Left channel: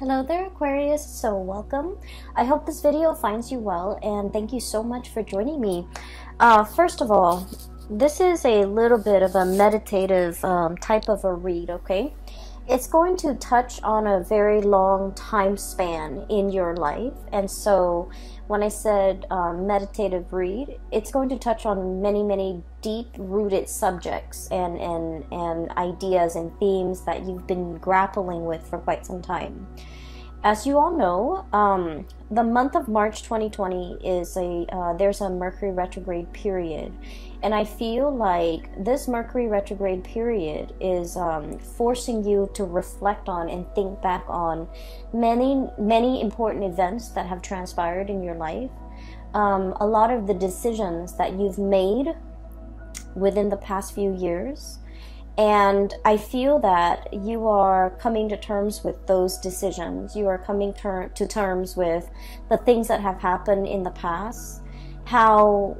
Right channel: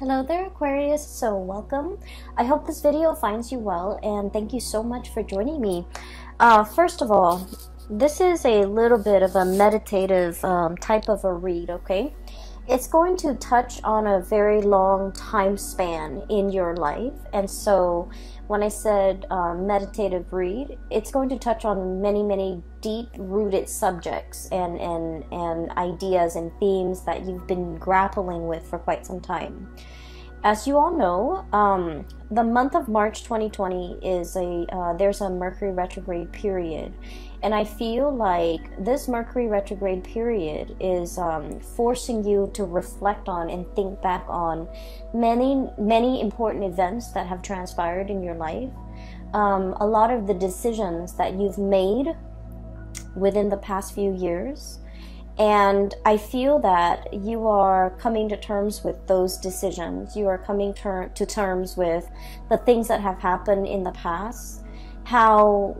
Hello there, Aquarius. So welcome. I hope this video finds you well, and thank you so much for joining me. First of all, this is a little bit of a meditative type of a read, okay? It's going to touch on a very long time span in your life, and so when I said meditative read, it's going to touch on many deep-rooted subjects and ideas and themes that you've been grappling with for quite some time. As you all know, the month of March 2020 is there's a Mercury retrograde period, and I feel like this Mercury retrograde period is forcing you to reflect on and think back on many important events that have transpired in your life, a lot of the decisions that you've made within the past few years. And I feel that you are coming to terms with those decisions. You are coming to terms with the things that have happened in the past, how,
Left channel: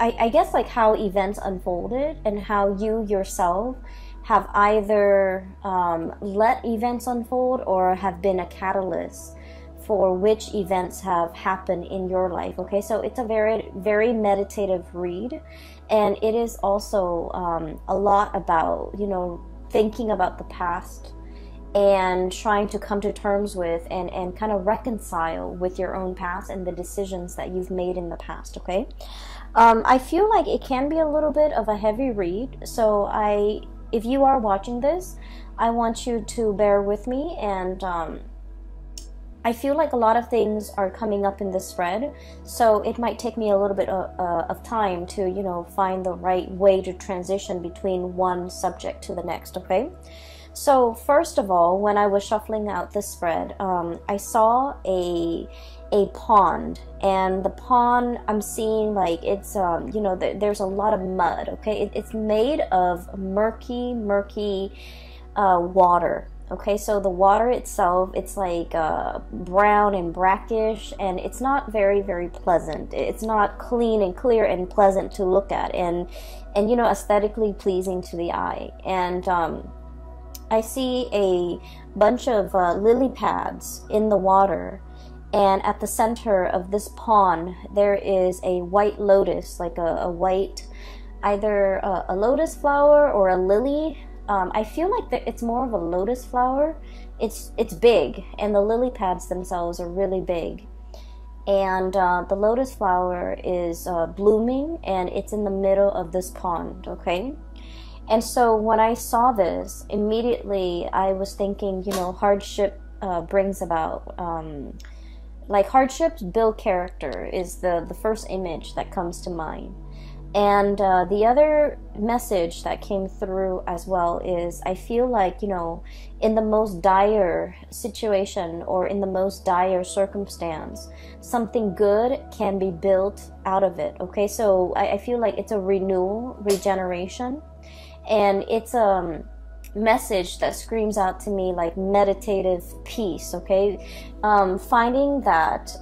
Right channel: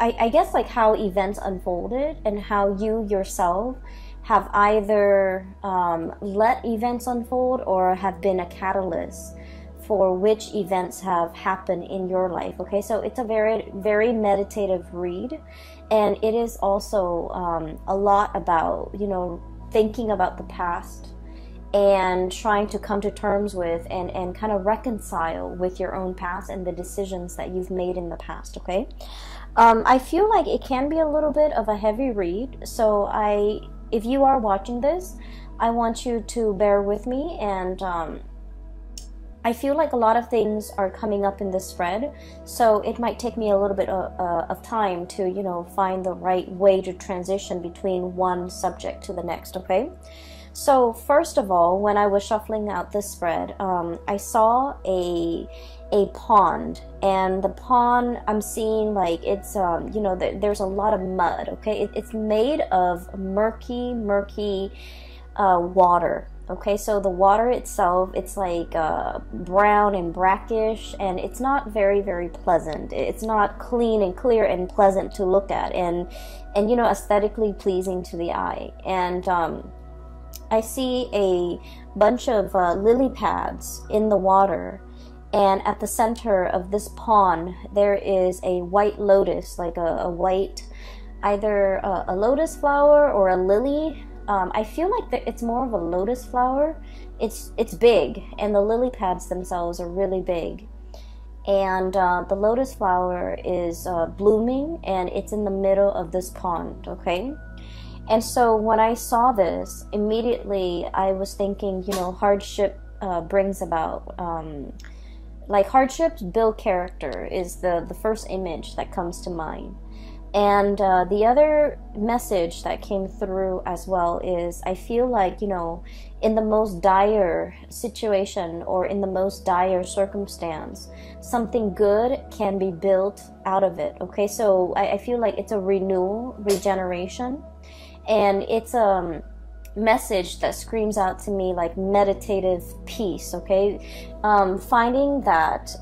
I guess like how events unfolded and how you yourself have either let events unfold or have been a catalyst for which events have happened in your life. Okay, so it's a very meditative read. And it is also a lot about, thinking about the past and trying to come to terms with and kind of reconcile with your own past and the decisions that you've made in the past, okay? I feel like it can be a little bit of a heavy read, so if you are watching this, I want you to bear with me, and I feel like a lot of things are coming up in this spread, so it might take me a little bit of time to, find the right way to transition between one subject to the next, okay? So first of all, when I was shuffling out this spread, I saw a pond, and the pond, I'm seeing like it's, there's a lot of mud, okay? It's made of murky water. Okay, so the water itself, it's like brown and brackish, and it's not very pleasant. It's not clean and clear and pleasant to look at, and aesthetically pleasing to the eye. And I see a bunch of lily pads in the water, and at the center of this pond there is a white lotus, like a white, either a lotus flower or a lily. I feel like it's more of a lotus flower. It's big, and the lily pads themselves are really big. And the lotus flower is blooming, and it's in the middle of this pond, okay? And so when I saw this, immediately I was thinking, hardship brings about, like hardships build character is the first image that comes to mind. And the other message that came through as well is I feel like, in the most dire situation or in the most dire circumstance, something good can be built out of it, okay? So I feel like it's a renewal, regeneration, and it's a message that screams out to me like meditative peace, okay? Finding that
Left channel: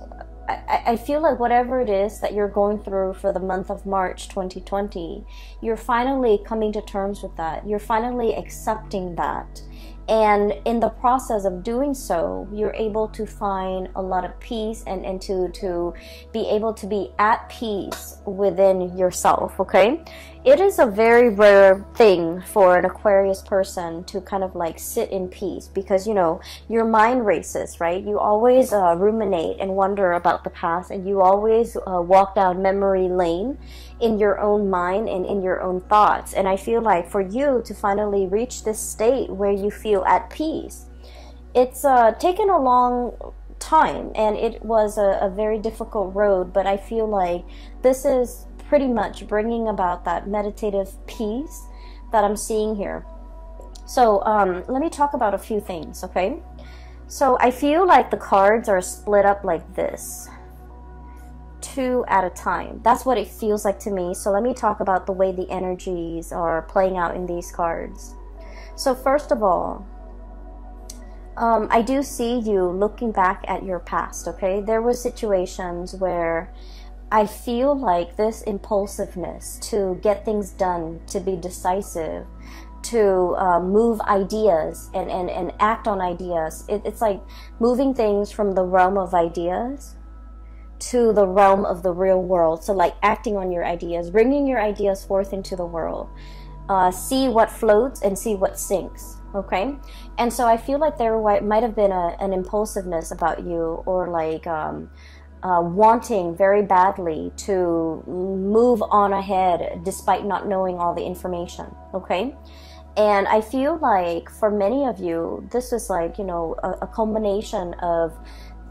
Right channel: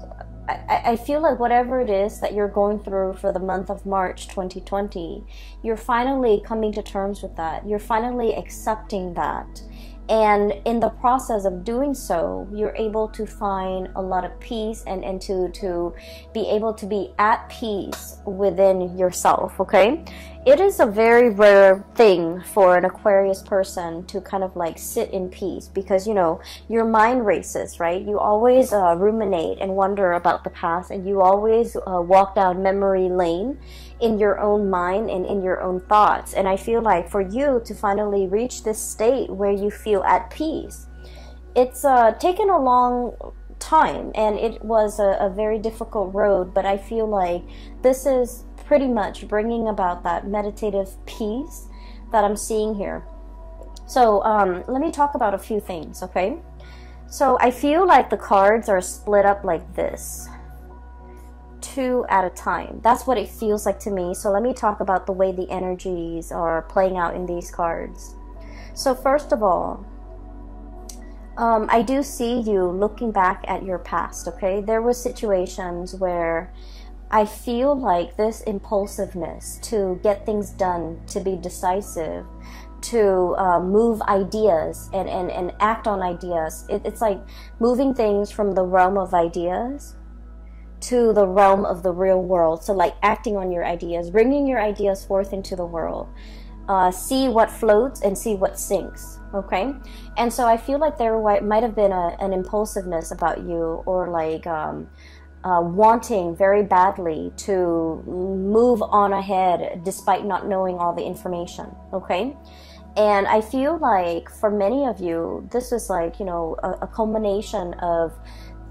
I feel like whatever it is that you're going through for the month of March 2020, you're finally coming to terms with that. You're finally accepting that. And in the process of doing so, you're able to find a lot of peace and to be able to be at peace within yourself, okay? It is a very rare thing for an Aquarius person to kind of like sit in peace because, your mind races, right? You always ruminate and wonder about the past, and you always walk down memory lane in your own mind and in your own thoughts. And I feel like for you to finally reach this state where you feel at peace, it's taken a long time, and it was a very difficult road, but I feel like this is pretty much bringing about that meditative peace that I'm seeing here. So let me talk about a few things, okay? So I feel like the cards are split up like this, 2 at a time. That's what it feels like to me. So let me talk about the way the energies are playing out in these cards. So first of all, I do see you looking back at your past, okay? There were situations where I feel like this impulsiveness to get things done, to be decisive, to move ideas and act on ideas. It's like moving things from the realm of ideas to the realm of the real world. So like acting on your ideas, bringing your ideas forth into the world. See what floats and see what sinks. Okay, and so I feel like there might have been an impulsiveness about you, or like wanting very badly to move on ahead despite not knowing all the information. Okay, and I feel like for many of you, this is like, you know, a culmination of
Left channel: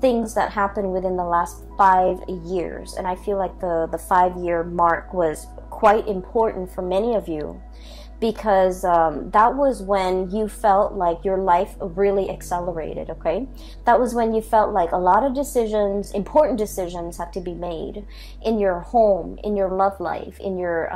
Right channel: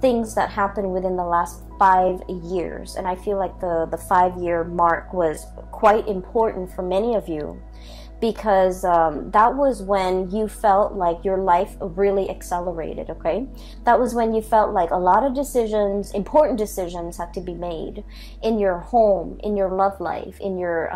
things that happened within the last 5 years. And I feel like the 5-year mark was quite important for many of you, because that was when you felt like your life really accelerated. Okay, that was when you felt like a lot of decisions, important decisions, had to be made in your home, in your love life, in your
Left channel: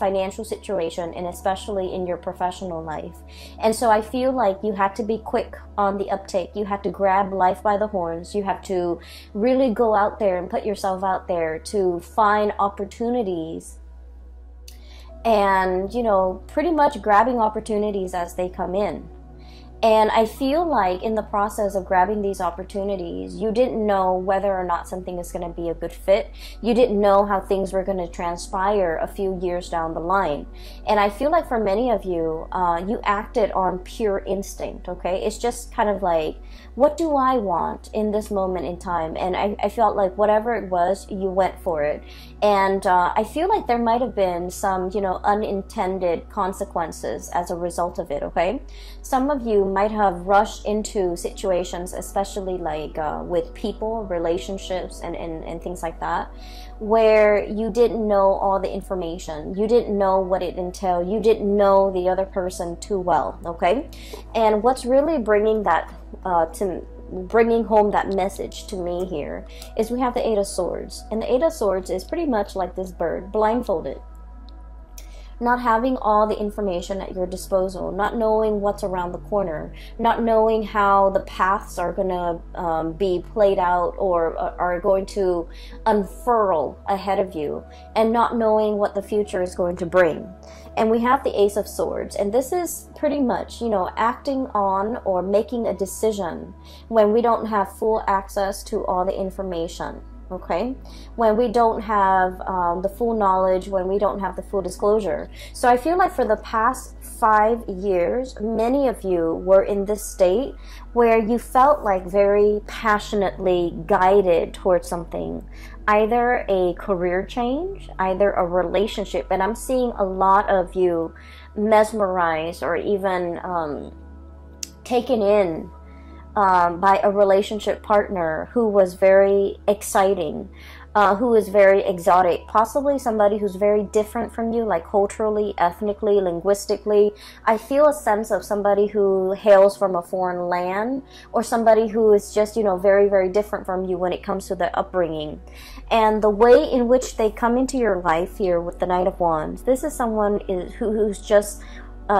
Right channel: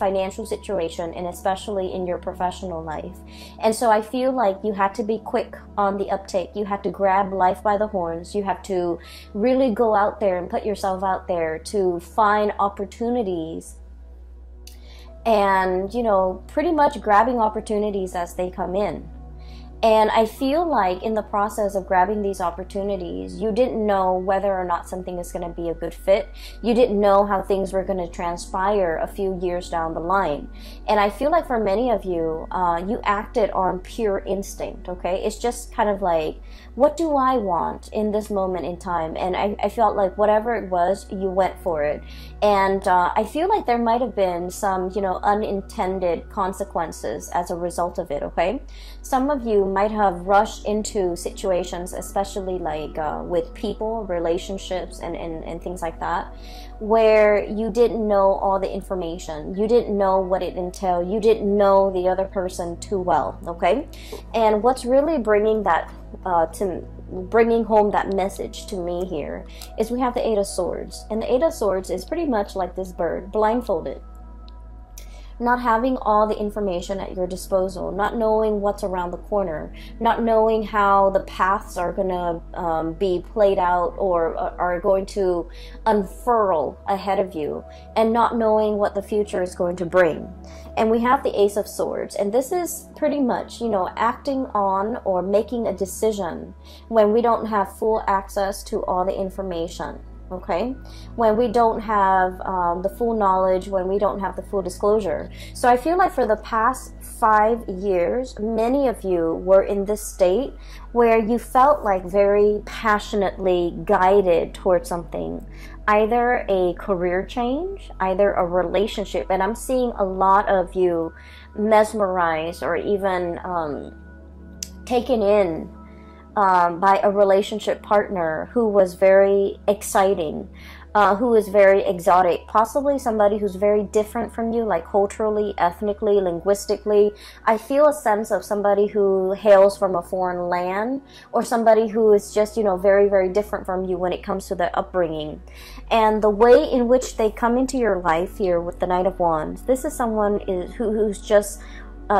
financial situation, and especially in your professional life. And so I feel like you had to be quick on the uptake. You had to grab life by the horns. You have to really go out there and put yourself out there to find opportunities, and, you know, pretty much grabbing opportunities as they come in. And I feel like in the process of grabbing these opportunities, you didn't know whether or not something was going to be a good fit. You didn't know how things were going to transpire a few years down the line. And I feel like for many of you, you acted on pure instinct, okay? It's just kind of like, what do I want in this moment in time? And I felt like whatever it was, you went for it. And I feel like there might have been some, you know, unintended consequences as a result of it, okay? Some of you might have rushed into situations, especially like with people, relationships, and things like that, where you didn't know all the information. You didn't know what it entailed. You didn't know the other person too well, okay? And what's really bringing that bringing home that message to me here is we have the Eight of Swords. And the Eight of Swords is pretty much like this bird, blindfolded. Not having all the information at your disposal, not knowing what's around the corner, not knowing how the paths are going to be played out or are going to unfurl ahead of you, and not knowing what the future is going to bring. And we have the Ace of Swords, and this is pretty much, you know, acting on or making a decision when we don't have full access to all the information. Okay, when we don't have the full knowledge, when we don't have the full disclosure. So I feel like for the past 5 years, many of you were in this state where you felt like very passionately guided towards something, either a career change, either a relationship. And I'm seeing a lot of you mesmerized or even taken in by a relationship partner who was very exciting, who was very exotic, possibly somebody who's very different from you, like culturally, ethnically, linguistically. I feel a sense of somebody who hails from a foreign land, or somebody who is just, you know, very, very different from you when it comes to their upbringing. And the way in which they come into your life here with the Knight of Wands, this is someone who's just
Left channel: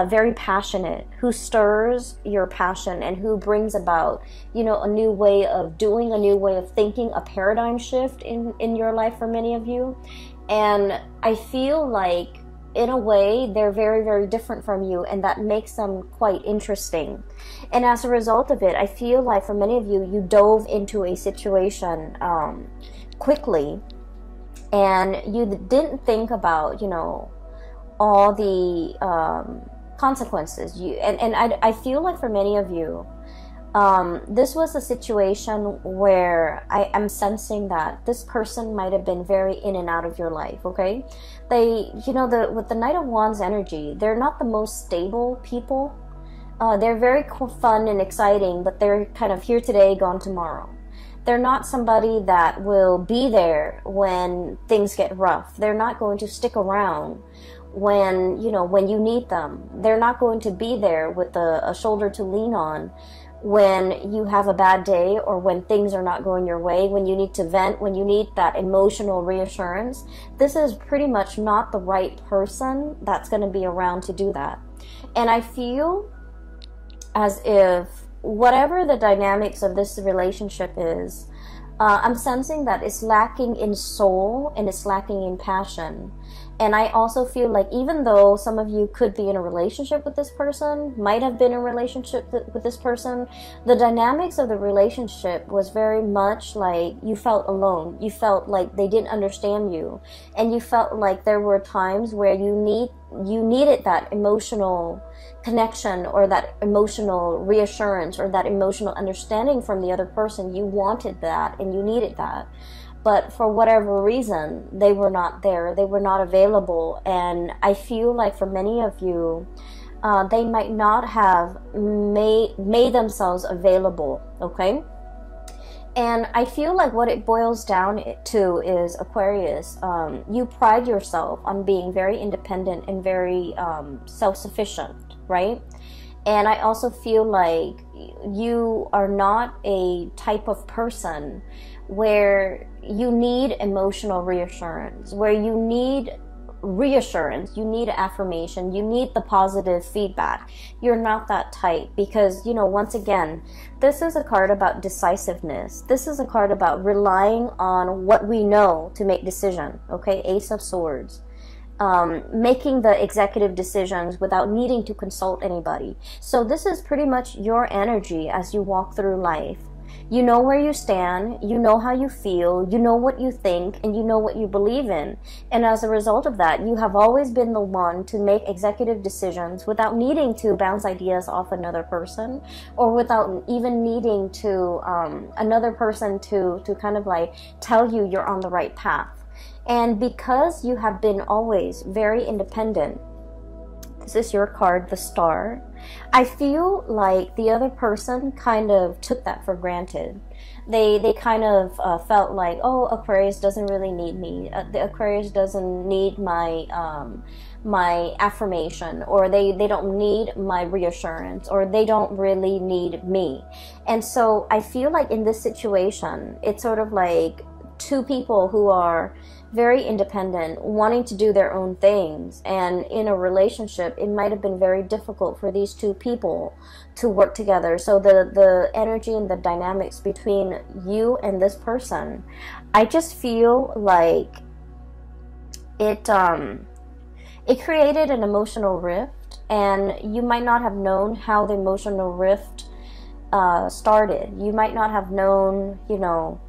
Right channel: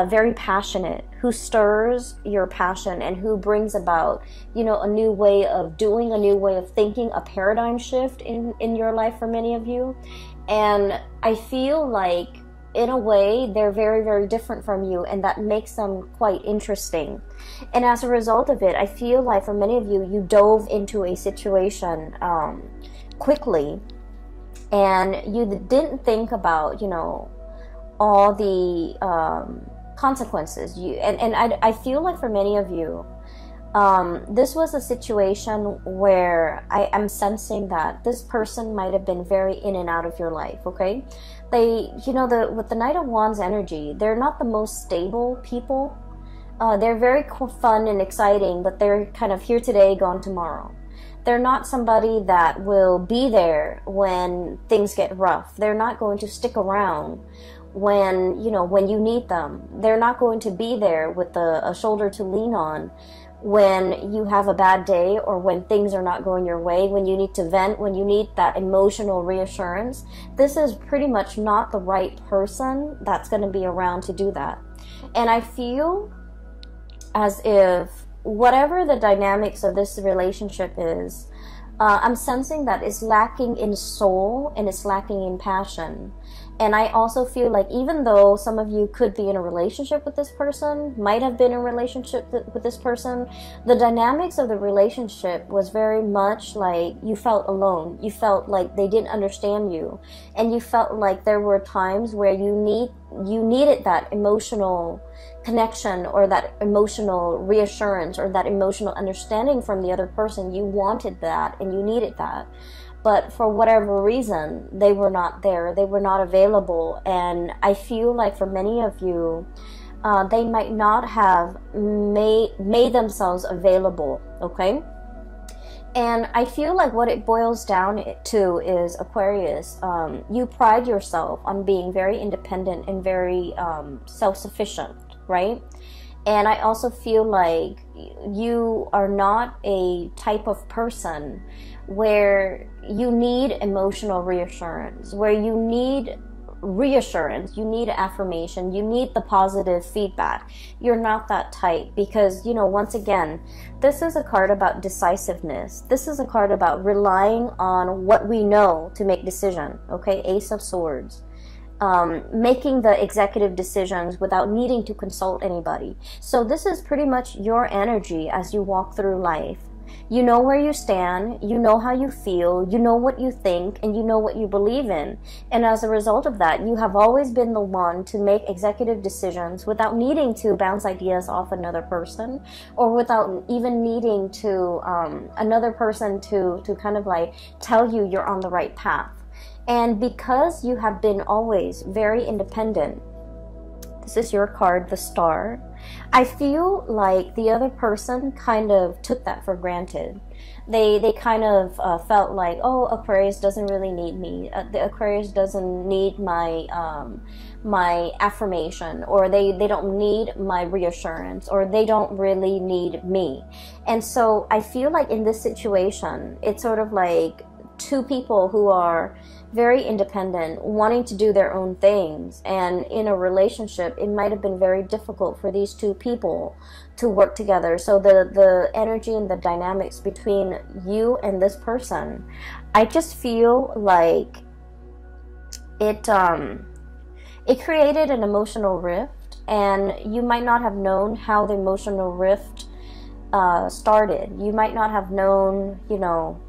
very passionate, who stirs your passion and who brings about, you know, a new way of doing, a new way of thinking, a paradigm shift in your life for many of you. And I feel like in a way they're very, very different from you, and that makes them quite interesting. And as a result of it, I feel like for many of you, you dove into a situation quickly, and you didn't think about, you know, all the consequences. I feel like for many of you, this was a situation where I am sensing that this person might have been very in and out of your life, okay? They, you know, with the Knight of Wands energy, they're not the most stable people. They're very fun and exciting, but they're kind of here today, gone tomorrow. They're not somebody that will be there when things get rough. They're not going to stick around when, you know, when you need them. They're not going to be there with a shoulder to lean on when you have a bad day, or when things are not going your way, when you need to vent, when you need that emotional reassurance. This is pretty much not the right person that's going to be around to do that. And I feel as if whatever the dynamics of this relationship is, I'm sensing that it's lacking in soul and it's lacking in passion. And I also feel like even though some of you could be in a relationship with this person, might have been in a relationship with this person, the dynamics of the relationship was very much like you felt alone. You felt like they didn't understand you. And you felt like there were times where you needed that emotional connection, or that emotional reassurance, or that emotional understanding from the other person. You wanted that and you needed that. But for whatever reason, they were not there. They were not available. And I feel like for many of you, they might not have made themselves available, okay? And I feel like what it boils down to is, Aquarius, you pride yourself on being very independent and very self-sufficient, right? And I also feel like you are not a type of person where you need emotional reassurance, where you need reassurance, you need affirmation, you need the positive feedback. You're not that type, because, you know, once again, this is a card about decisiveness. This is a card about relying on what we know to make decision, okay? Ace of Swords. Making the executive decisions without needing to consult anybody. So this is pretty much your energy as you walk through life. You know where you stand, you know how you feel, you know what you think, and you know what you believe in. And as a result of that, you have always been the one to make executive decisions without needing to bounce ideas off another person, or without even needing to another person to kind of like tell you you're on the right path. And because you have been always very independent, this is your card, the Star. I feel like the other person kind of took that for granted. They kind of felt like, oh, Aquarius doesn't really need me. The Aquarius doesn't need my my affirmation, or they don't need my reassurance, or they don't really need me. And so I feel like in this situation, it's sort of like two people who are very independent, wanting to do their own things, and in a relationship it might have been very difficult for these two people to work together. So the energy and the dynamics between you and this person, I just feel like it created an emotional rift, and you might not have known how the emotional rift started. You might not have known, you know,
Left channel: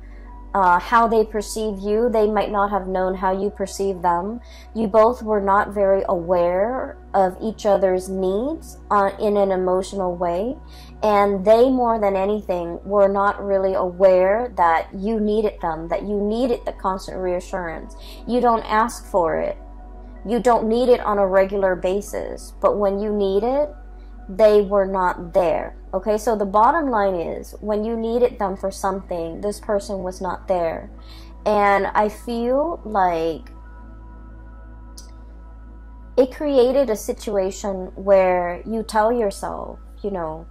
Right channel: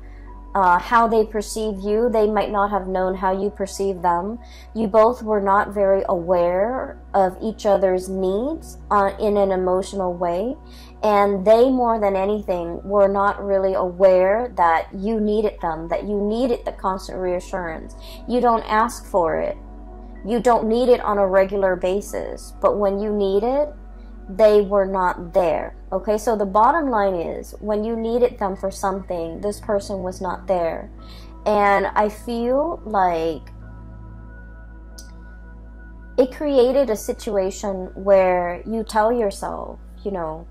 how they perceive you. They might not have known how you perceive them. You both were not very aware of each other's needs in an emotional way. And they, more than anything, were not really aware that you needed them, that you needed the constant reassurance. You don't ask for it. You don't need it on a regular basis. But when you need it, they were not there. Okay, so the bottom line is, when you needed them for something, this person was not there. And I feel like it created a situation where you tell yourself, you know,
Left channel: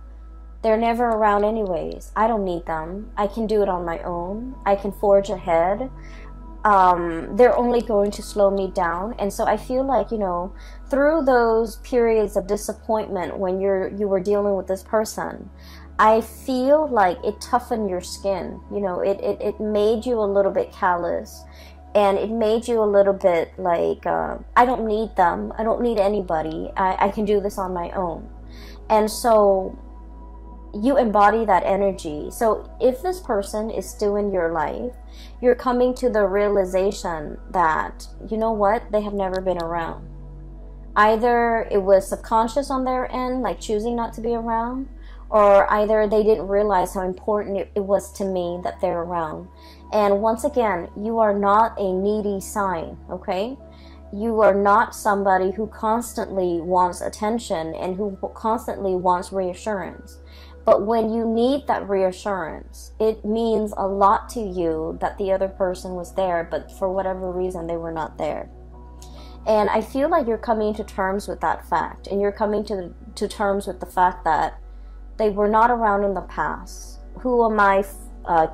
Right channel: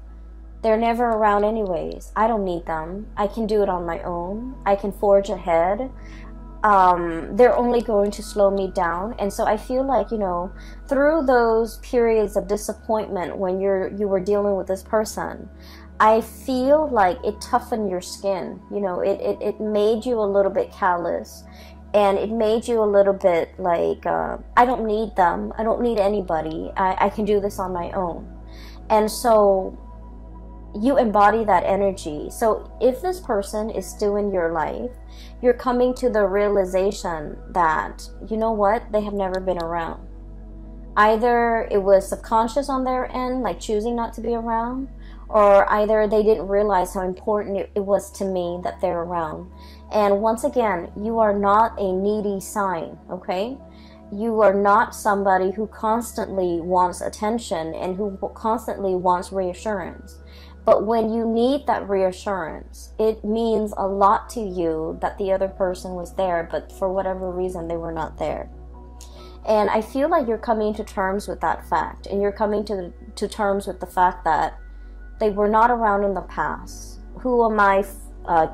they're never around anyways. I don't need them. I can do it on my own. I can forge ahead. They're only going to slow me down. And so I feel like, you know, through those periods of disappointment when you were dealing with this person, I feel like it toughened your skin. You know, it made you a little bit callous, and it made you a little bit like, I don't need them. I don't need anybody. I can do this on my own. And so you embody that energy. So if this person is still in your life, you're coming to the realization that, you know what, they have never been around. Either it was subconscious on their end, like choosing not to be around, or either they didn't realize how important it was to me that they're around. And once again, you are not a needy sign, okay? You are not somebody who constantly wants attention and who constantly wants reassurance. But when you need that reassurance, it means a lot to you that the other person was there, but for whatever reason, they were not there. And I feel like you're coming to terms with that fact, and you're coming to terms with the fact that they were not around in the past. Who am I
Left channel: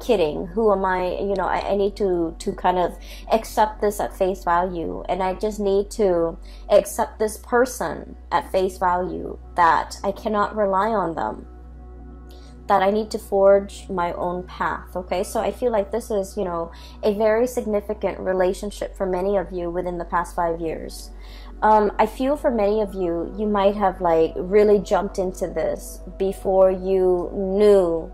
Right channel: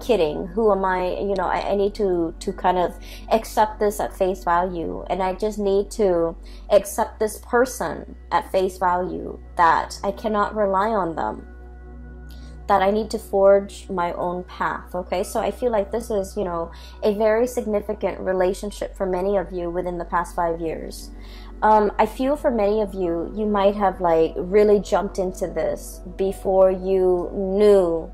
kidding? Who am I? You know, I need to kind of accept this at face value, and I just need to accept this person at face value, that I cannot rely on them, that I need to forge my own path, okay? So I feel like this is, you know, a very significant relationship for many of you within the past 5 years. I feel for many of you, you might have like really jumped into this before you knew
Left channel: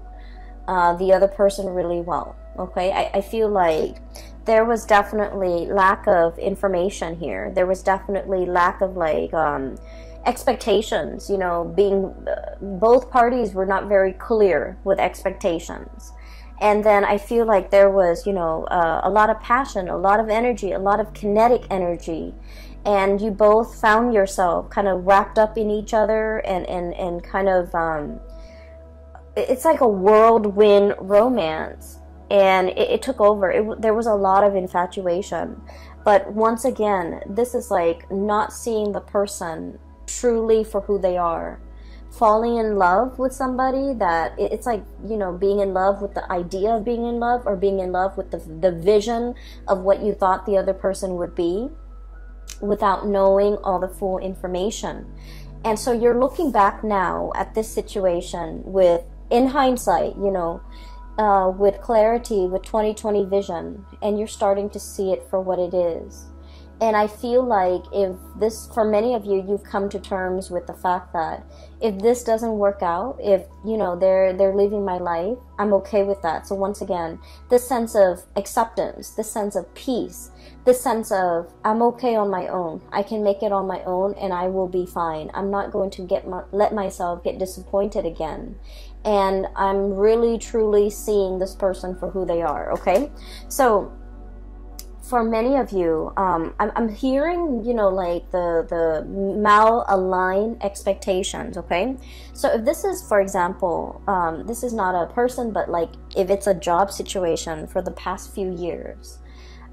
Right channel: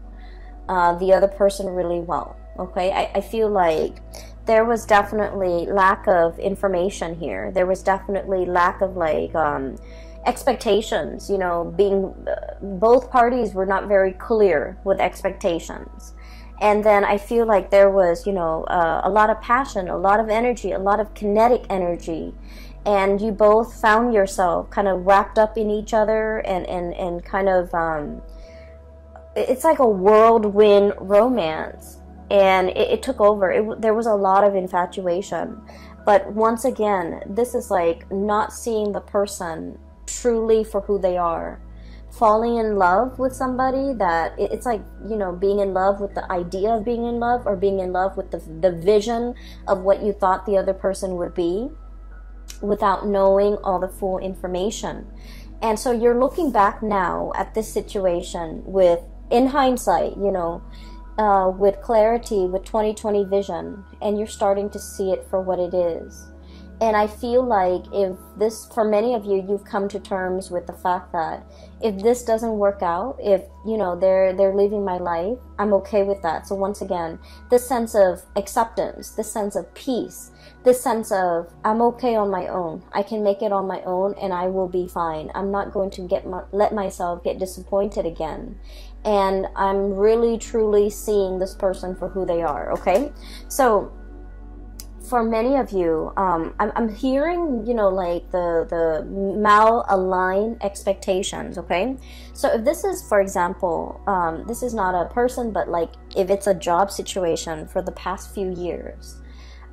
the other person really well, okay? I feel like there was definitely lack of information here. There was definitely lack of like expectations, you know, being both parties were not very clear with expectations. And then I feel like there was, you know, a lot of passion, a lot of energy, a lot of kinetic energy, and you both found yourself kind of wrapped up in each other, and kind of it's like a whirlwind romance, and it took over. There was a lot of infatuation, but once again, this is like not seeing the person truly for who they are, falling in love with somebody that it's like, you know, being in love with the idea of being in love, or being in love with the vision of what you thought the other person would be, without knowing all the full information. And so you're looking back now at this situation with, in hindsight, you know, with clarity, with 20/20 vision, and you're starting to see it for what it is. And I feel like if this, for many of you, you've come to terms with the fact that if this doesn't work out, if, you know, they're living my life, I'm okay with that. So once again, this sense of acceptance, this sense of peace, this sense of I'm okay on my own. I can make it on my own, and I will be fine. I'm not going to let myself get disappointed again. And I'm really, truly seeing this person for who they are, okay? So for many of you, I'm hearing, you know, like the mal-aligned expectations, okay? So if this is, for example, this is not a person, but like if it's a job situation for the past few years,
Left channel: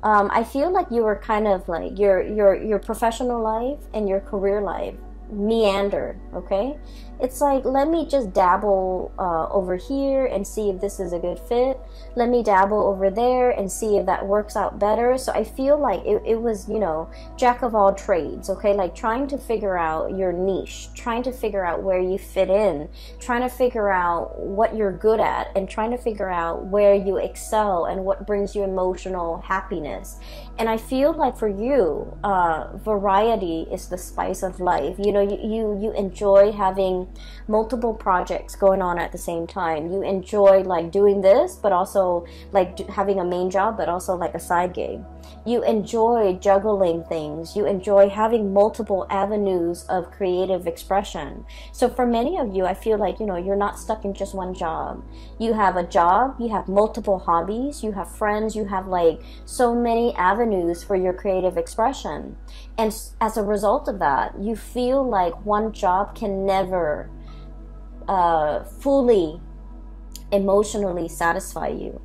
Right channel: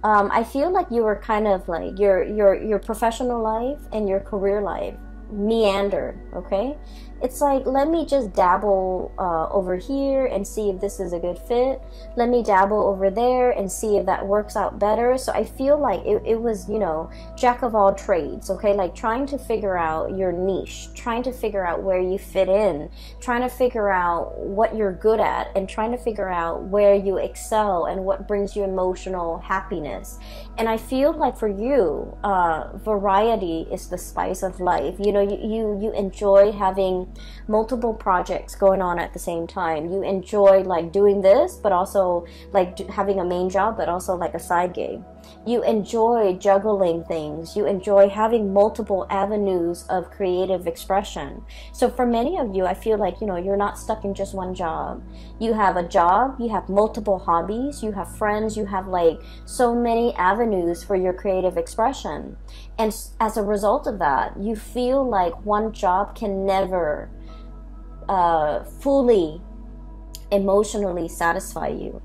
I feel like you were kind of like your professional life and your career life meander, okay? It's like, let me just dabble over here and see if this is a good fit. Let me dabble over there and see if that works out better. So I feel like it was, you know, jack of all trades, okay? Like trying to figure out your niche, trying to figure out where you fit in, trying to figure out what you're good at, and trying to figure out where you excel and what brings you emotional happiness. And I feel like for you, variety is the spice of life. You know, you enjoy having multiple projects going on at the same time. You enjoy like doing this, but also like having a main job, but also like a side gig. You enjoy juggling things. You enjoy having multiple avenues of creative expression. So for many of you, I feel like, you know, you're not stuck in just one job. You have a job, you have multiple hobbies, you have friends, you have like so many avenues for your creative expression. And as a result of that, you feel like one job can never fully emotionally satisfy you.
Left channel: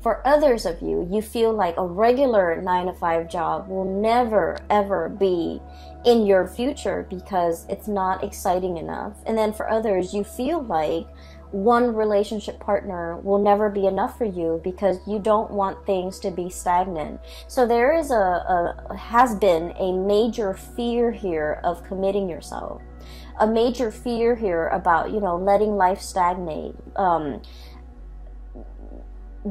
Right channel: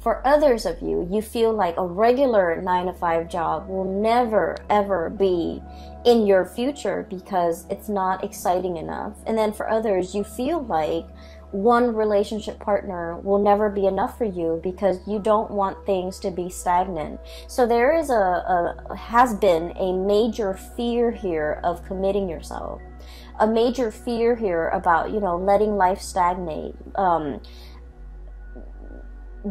For others of you, you feel like a regular 9-to-5 job will never ever be in your future because it's not exciting enough. And then for others, you feel like one relationship partner will never be enough for you because you don't want things to be stagnant. So there is has been a major fear here of committing yourself. A major fear here about, you know, letting life stagnate.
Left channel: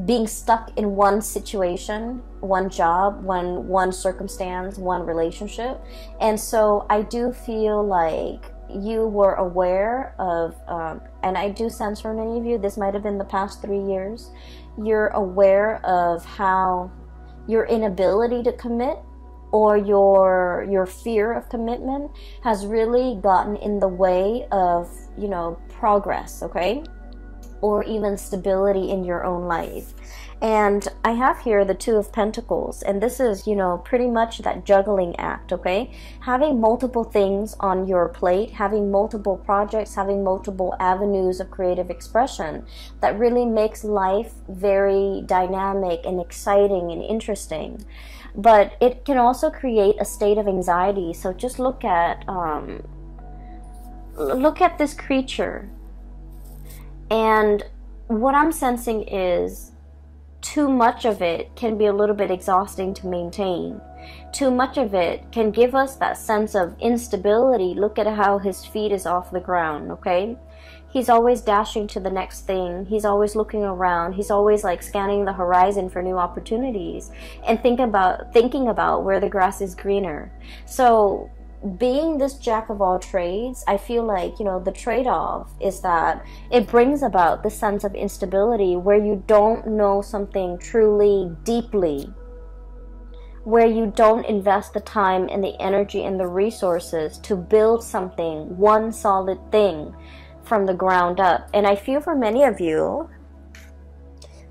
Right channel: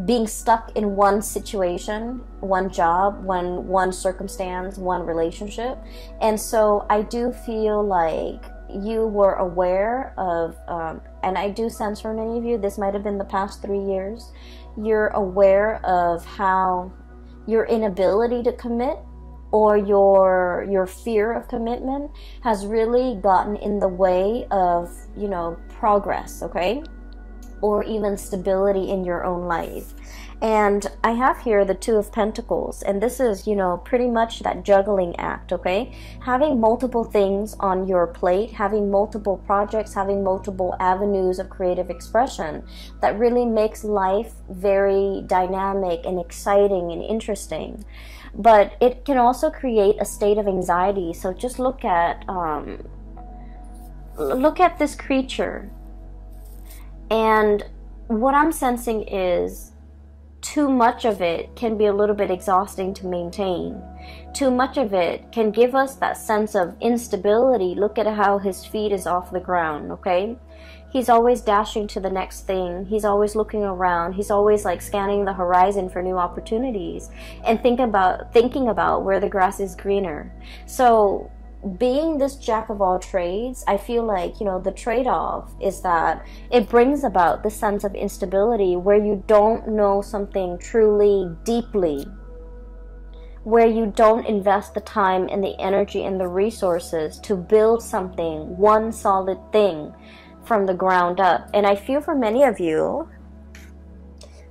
Being stuck in one situation, one job, one circumstance, one relationship. And so I do feel like you were aware of, and I do sense for many of you, this might have been the past 3 years, you're aware of how your inability to commit or your fear of commitment has really gotten in the way of, you know, progress, okay? Or even stability in your own life. And I have here the Two of Pentacles, and this is, you know, pretty much that juggling act, okay? Having multiple things on your plate, having multiple projects, having multiple avenues of creative expression that really makes life very dynamic and exciting and interesting. But it can also create a state of anxiety. So just look at this creature. And what I'm sensing is too much of it can be a little bit exhausting to maintain. Too much of it can give us that sense of instability. Look at how his feet is off the ground, okay? He's always dashing to the next thing. He's always looking around. He's always like scanning the horizon for new opportunities and thinking about where the grass is greener. So being this jack of all trades, I feel like, you know, the trade-off is that it brings about the sense of instability where you don't know something truly deeply, where you don't invest the time and the energy and the resources to build something, one solid thing from the ground up. And I feel for many of you,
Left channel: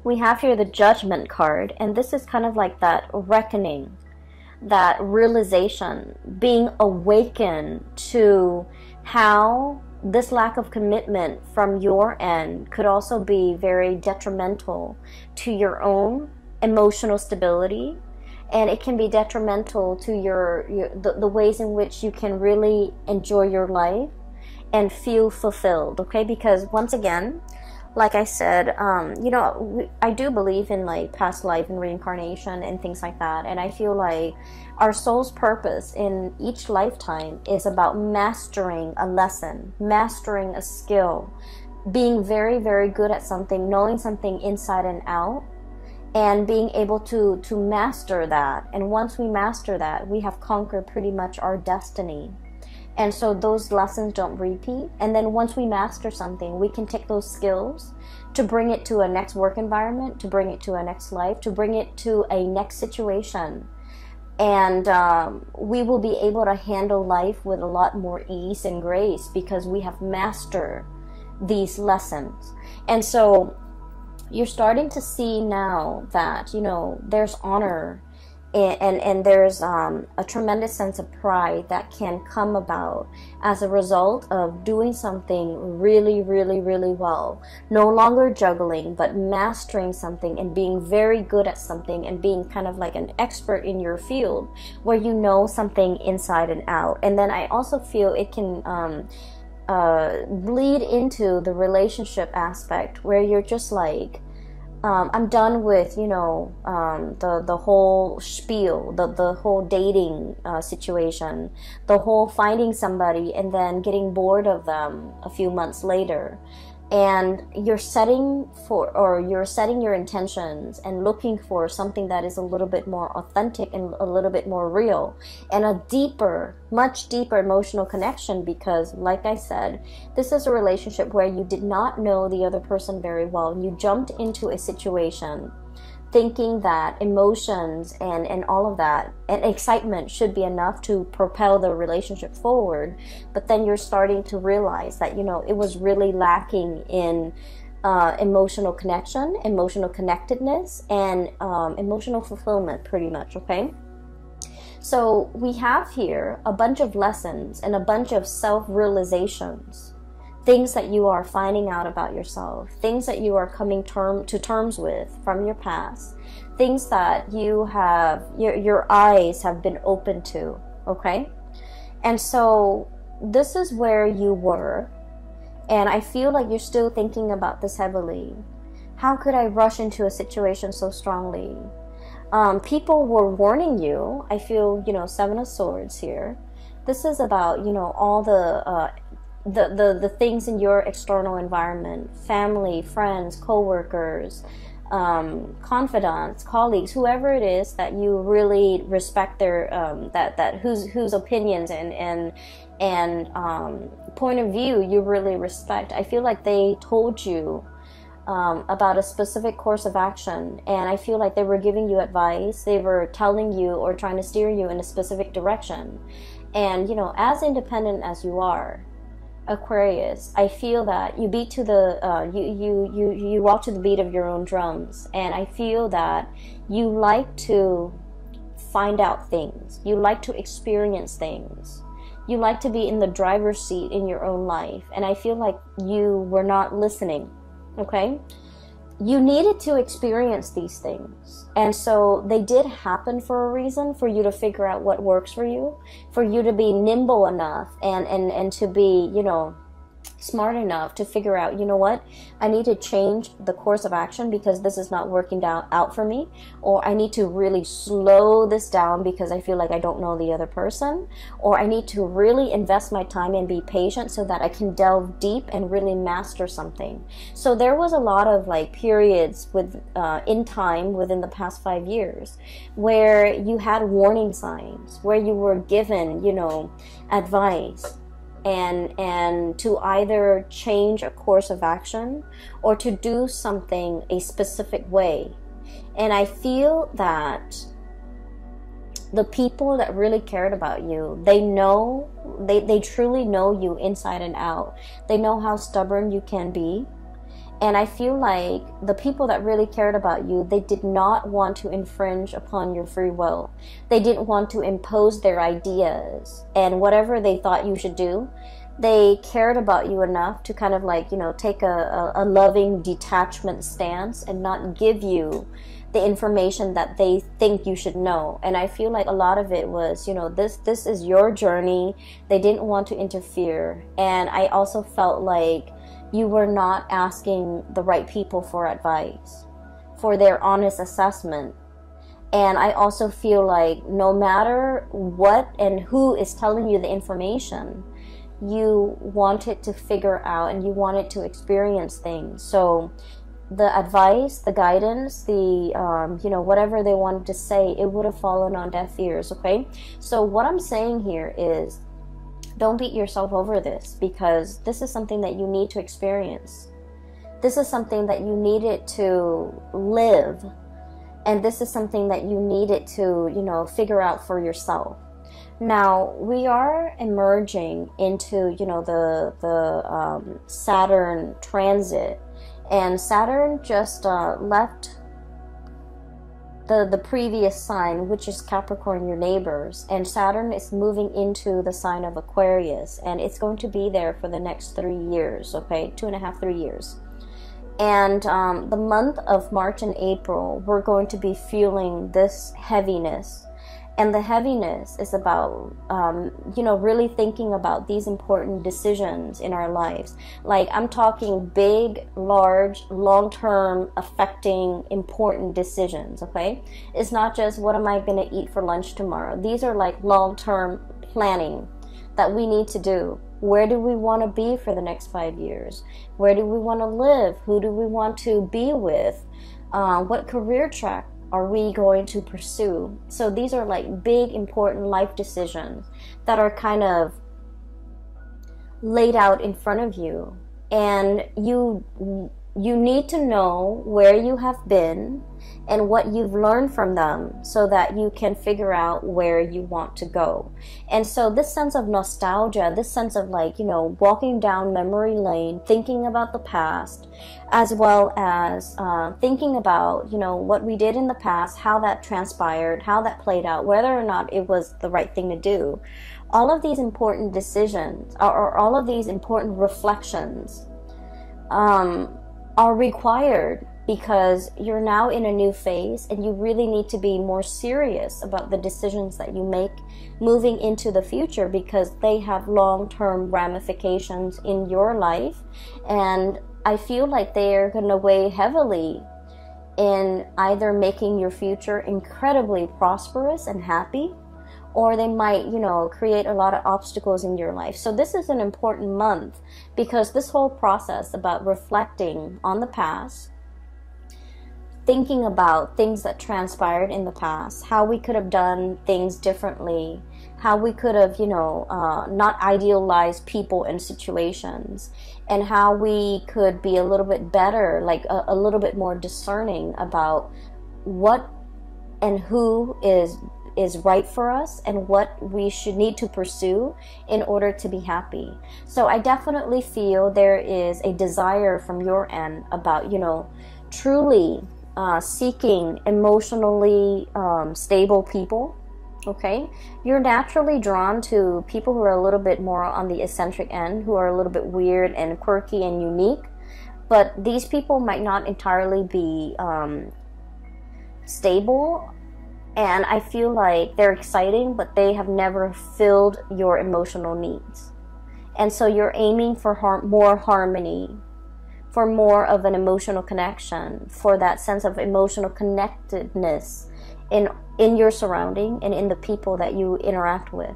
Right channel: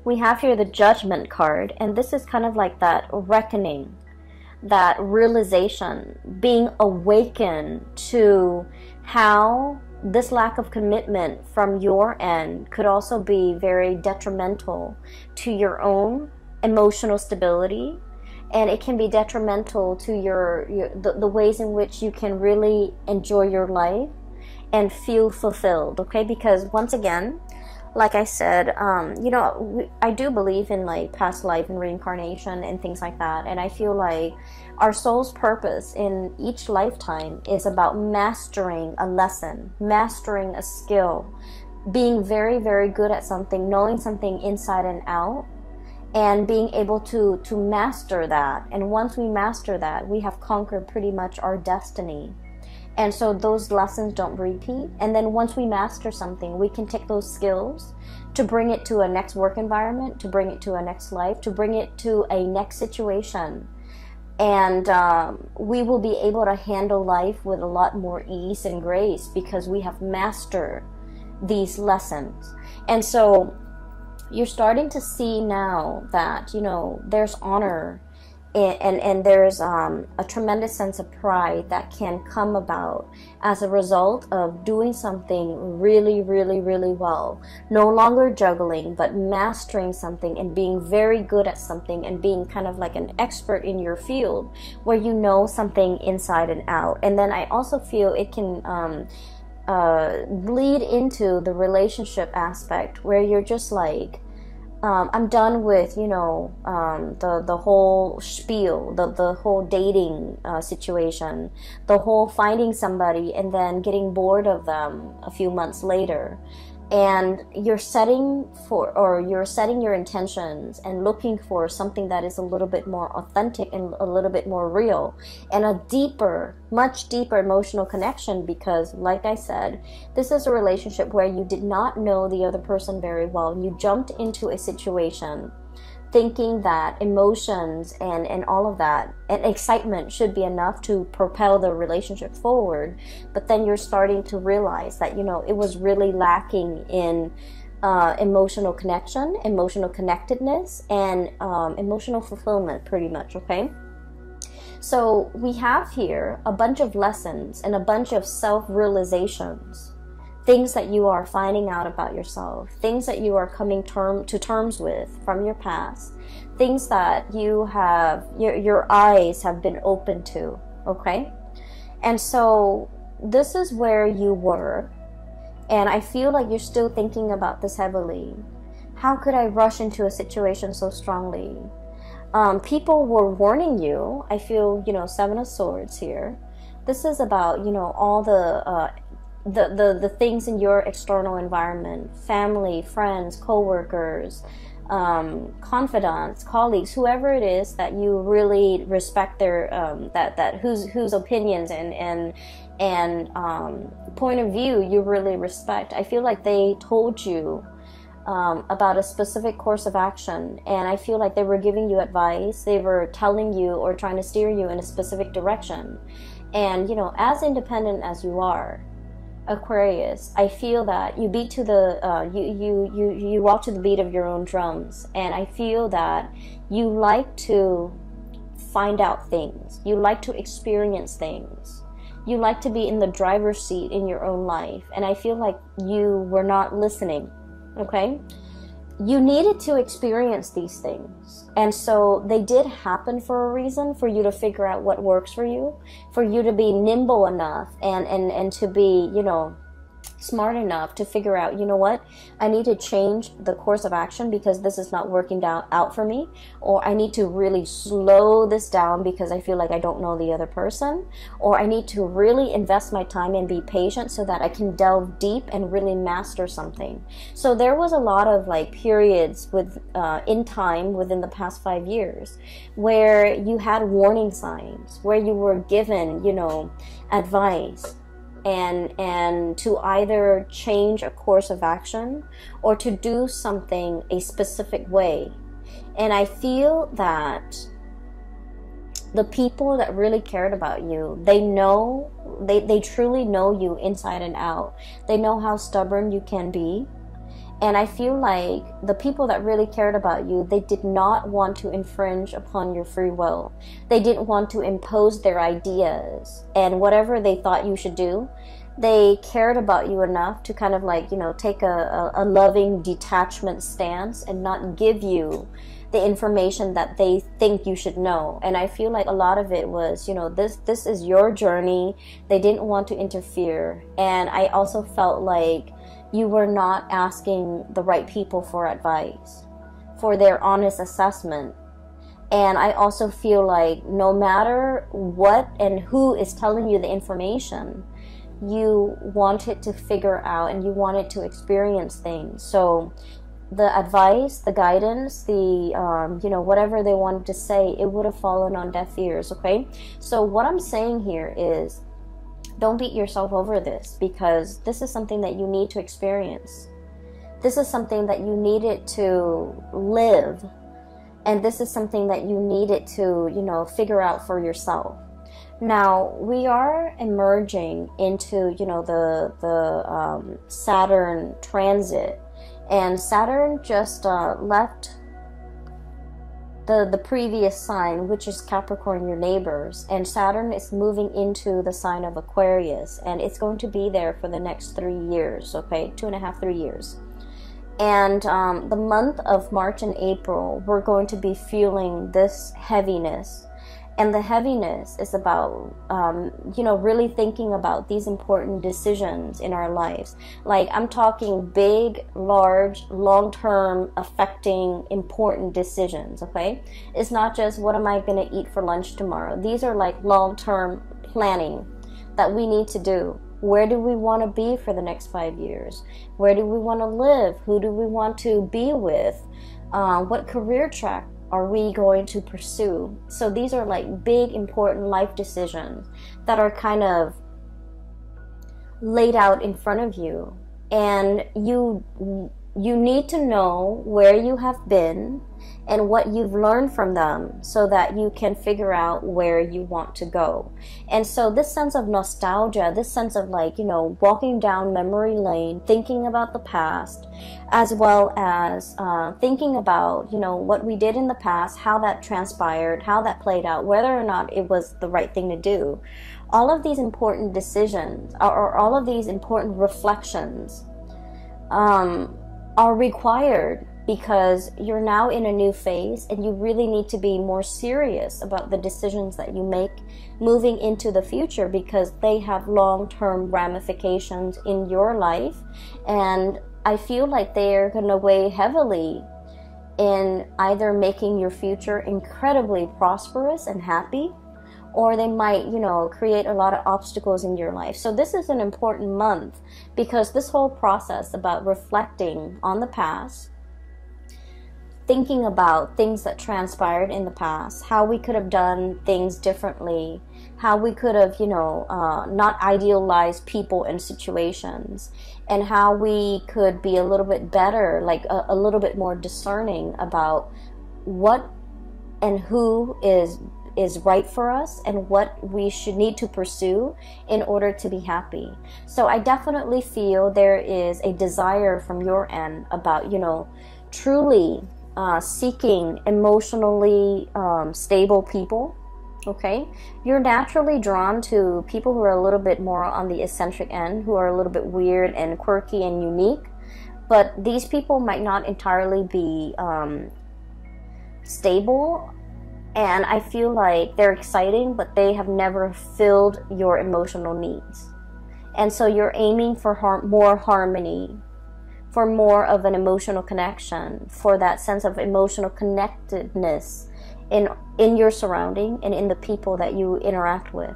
we have here the Judgment card, and this is kind of like that reckoning, that realization, being awakened to how this lack of commitment from your end could also be very detrimental to your own emotional stability, and it can be detrimental to the ways in which you can really enjoy your life and feel fulfilled, okay? Because once again, like I said, you know, I do believe in like past life and reincarnation and things like that. And I feel like our soul's purpose in each lifetime is about mastering a lesson, mastering a skill, being very, very good at something, knowing something inside and out, and being able to master that. And once we master that, we have conquered pretty much our destiny. And so those lessons don't repeat. And then once we master something, we can take those skills to bring it to a next work environment, to bring it to a next life, to bring it to a next situation. And we will be able to handle life with a lot more ease and grace because we have mastered these lessons. And so you're starting to see now that, you know, there's honor and there's a tremendous sense of pride that can come about as a result of doing something really, really, really well. No longer juggling, but mastering something and being very good at something and being kind of like an expert in your field where you know something inside and out. And then I also feel it can bleed into the relationship aspect where you're just like, I'm done with, you know, the whole spiel, the whole dating situation, the whole finding somebody and then getting bored of them a few months later. And you're setting your intentions and looking for something that is a little bit more authentic and a little bit more real and a deeper, much deeper emotional connection because, like I said, this is a relationship where you did not know the other person very well. You jumped into a situation thinking that emotions and all of that and excitement should be enough to propel the relationship forward, but then you're starting to realize that, you know, it was really lacking in emotional connection, emotional connectedness, and emotional fulfillment, pretty much, okay? So we have here a bunch of lessons and a bunch of self-realizations, things that you are finding out about yourself, things that you are coming to terms with from your past, things that you have, your eyes have been open to, okay? And so this is where you were, and I feel like you're still thinking about this heavily. How could I rush into a situation so strongly? People were warning you. I feel, you know, Seven of Swords here. This is about, you know, all the things in your external environment, family, friends, co-workers, confidants, colleagues, whoever it is that you really respect their whose opinions and point of view you really respect. I feel like they told you about a specific course of action, and I feel like they were giving you advice. They were telling you or trying to steer you in a specific direction. And, you know, as independent as you are, Aquarius, I feel that you beat to the you walk to the beat of your own drums, and I feel that you like to find out things, you like to experience things, you like to be in the driver's seat in your own life, and I feel like you were not listening. Okay, you needed to experience these things, and so they did happen for a reason, for you to figure out what works for you, for you to be nimble enough and to be, you know, smart enough to figure out, you know what, I need to change the course of action because this is not working out for me, or I need to really slow this down because I feel like I don't know the other person, or I need to really invest my time and be patient so that I can delve deep and really master something. So there was a lot of like periods with in time within the past 5 years where you had warning signs, where you were given, you know, advice, and to either change a course of action or to do something a specific way. And I feel that the people that really cared about you, they truly know you inside and out. They know how stubborn you can be. And I feel like the people that really cared about you, they did not want to infringe upon your free will. They didn't want to impose their ideas and whatever they thought you should do. They cared about you enough to kind of like, you know, take a loving detachment stance and not give you the information that they think you should know. And I feel like a lot of it was, you know, this is your journey. They didn't want to interfere. And I also felt like you were not asking the right people for advice, for their honest assessment. And I also feel like no matter what and who is telling you the information, you wanted to figure out and you wanted to experience things. So the advice, the guidance, the, you know, whatever they wanted to say, it would have fallen on deaf ears, okay? So what I'm saying here is, don't beat yourself over this, because this is something that you need to experience. This is something that you needed to live. And this is something that you needed to, you know, figure out for yourself. Now, we are emerging into, you know, the Saturn transit. And Saturn just left the previous sign, which is Capricorn, your neighbors, and Saturn is moving into the sign of Aquarius, and it's going to be there for the next 3 years, okay, 2.5, 3 years. And the month of March and April, we're going to be feeling this heaviness. And the heaviness is about, you know, really thinking about these important decisions in our lives. Like, I'm talking big, large, long-term, affecting, important decisions, okay? It's not just, what am I going to eat for lunch tomorrow? These are like long-term planning that we need to do. Where do we want to be for the next 5 years? Where do we want to live? Who do we want to be with? What career track are we going to pursue? So these are like big, important life decisions that are kind of laid out in front of you. And you need to know where you have been and what you've learned from them so that you can figure out where you want to go. And so this sense of nostalgia, this sense of like, you know, walking down memory lane, thinking about the past, as well as thinking about, you know, what we did in the past, how that transpired, how that played out, whether or not it was the right thing to do. All of these important decisions, or all of these important reflections, are required because you're now in a new phase and you really need to be more serious about the decisions that you make moving into the future, because they have long-term ramifications in your life. And I feel like they're going to weigh heavily in either making your future incredibly prosperous and happy, or they might, you know, create a lot of obstacles in your life. So this is an important month because this whole process about reflecting on the past, thinking about things that transpired in the past, how we could have done things differently, how we could have, you know, not idealized people and situations, and how we could be a little bit better, like a little bit more discerning about what and who is right for us and what we should need to pursue in order to be happy. So I definitely feel there is a desire from your end about, you know, truly seeking emotionally stable people. Okay, you're naturally drawn to people who are a little bit more on the eccentric end, who are a little bit weird and quirky and unique, but these people might not entirely be stable. And I feel like they're exciting, but they have never filled your emotional needs. And so you're aiming for more harmony, for more of an emotional connection, for that sense of emotional connectedness in your surrounding and in the people that you interact with.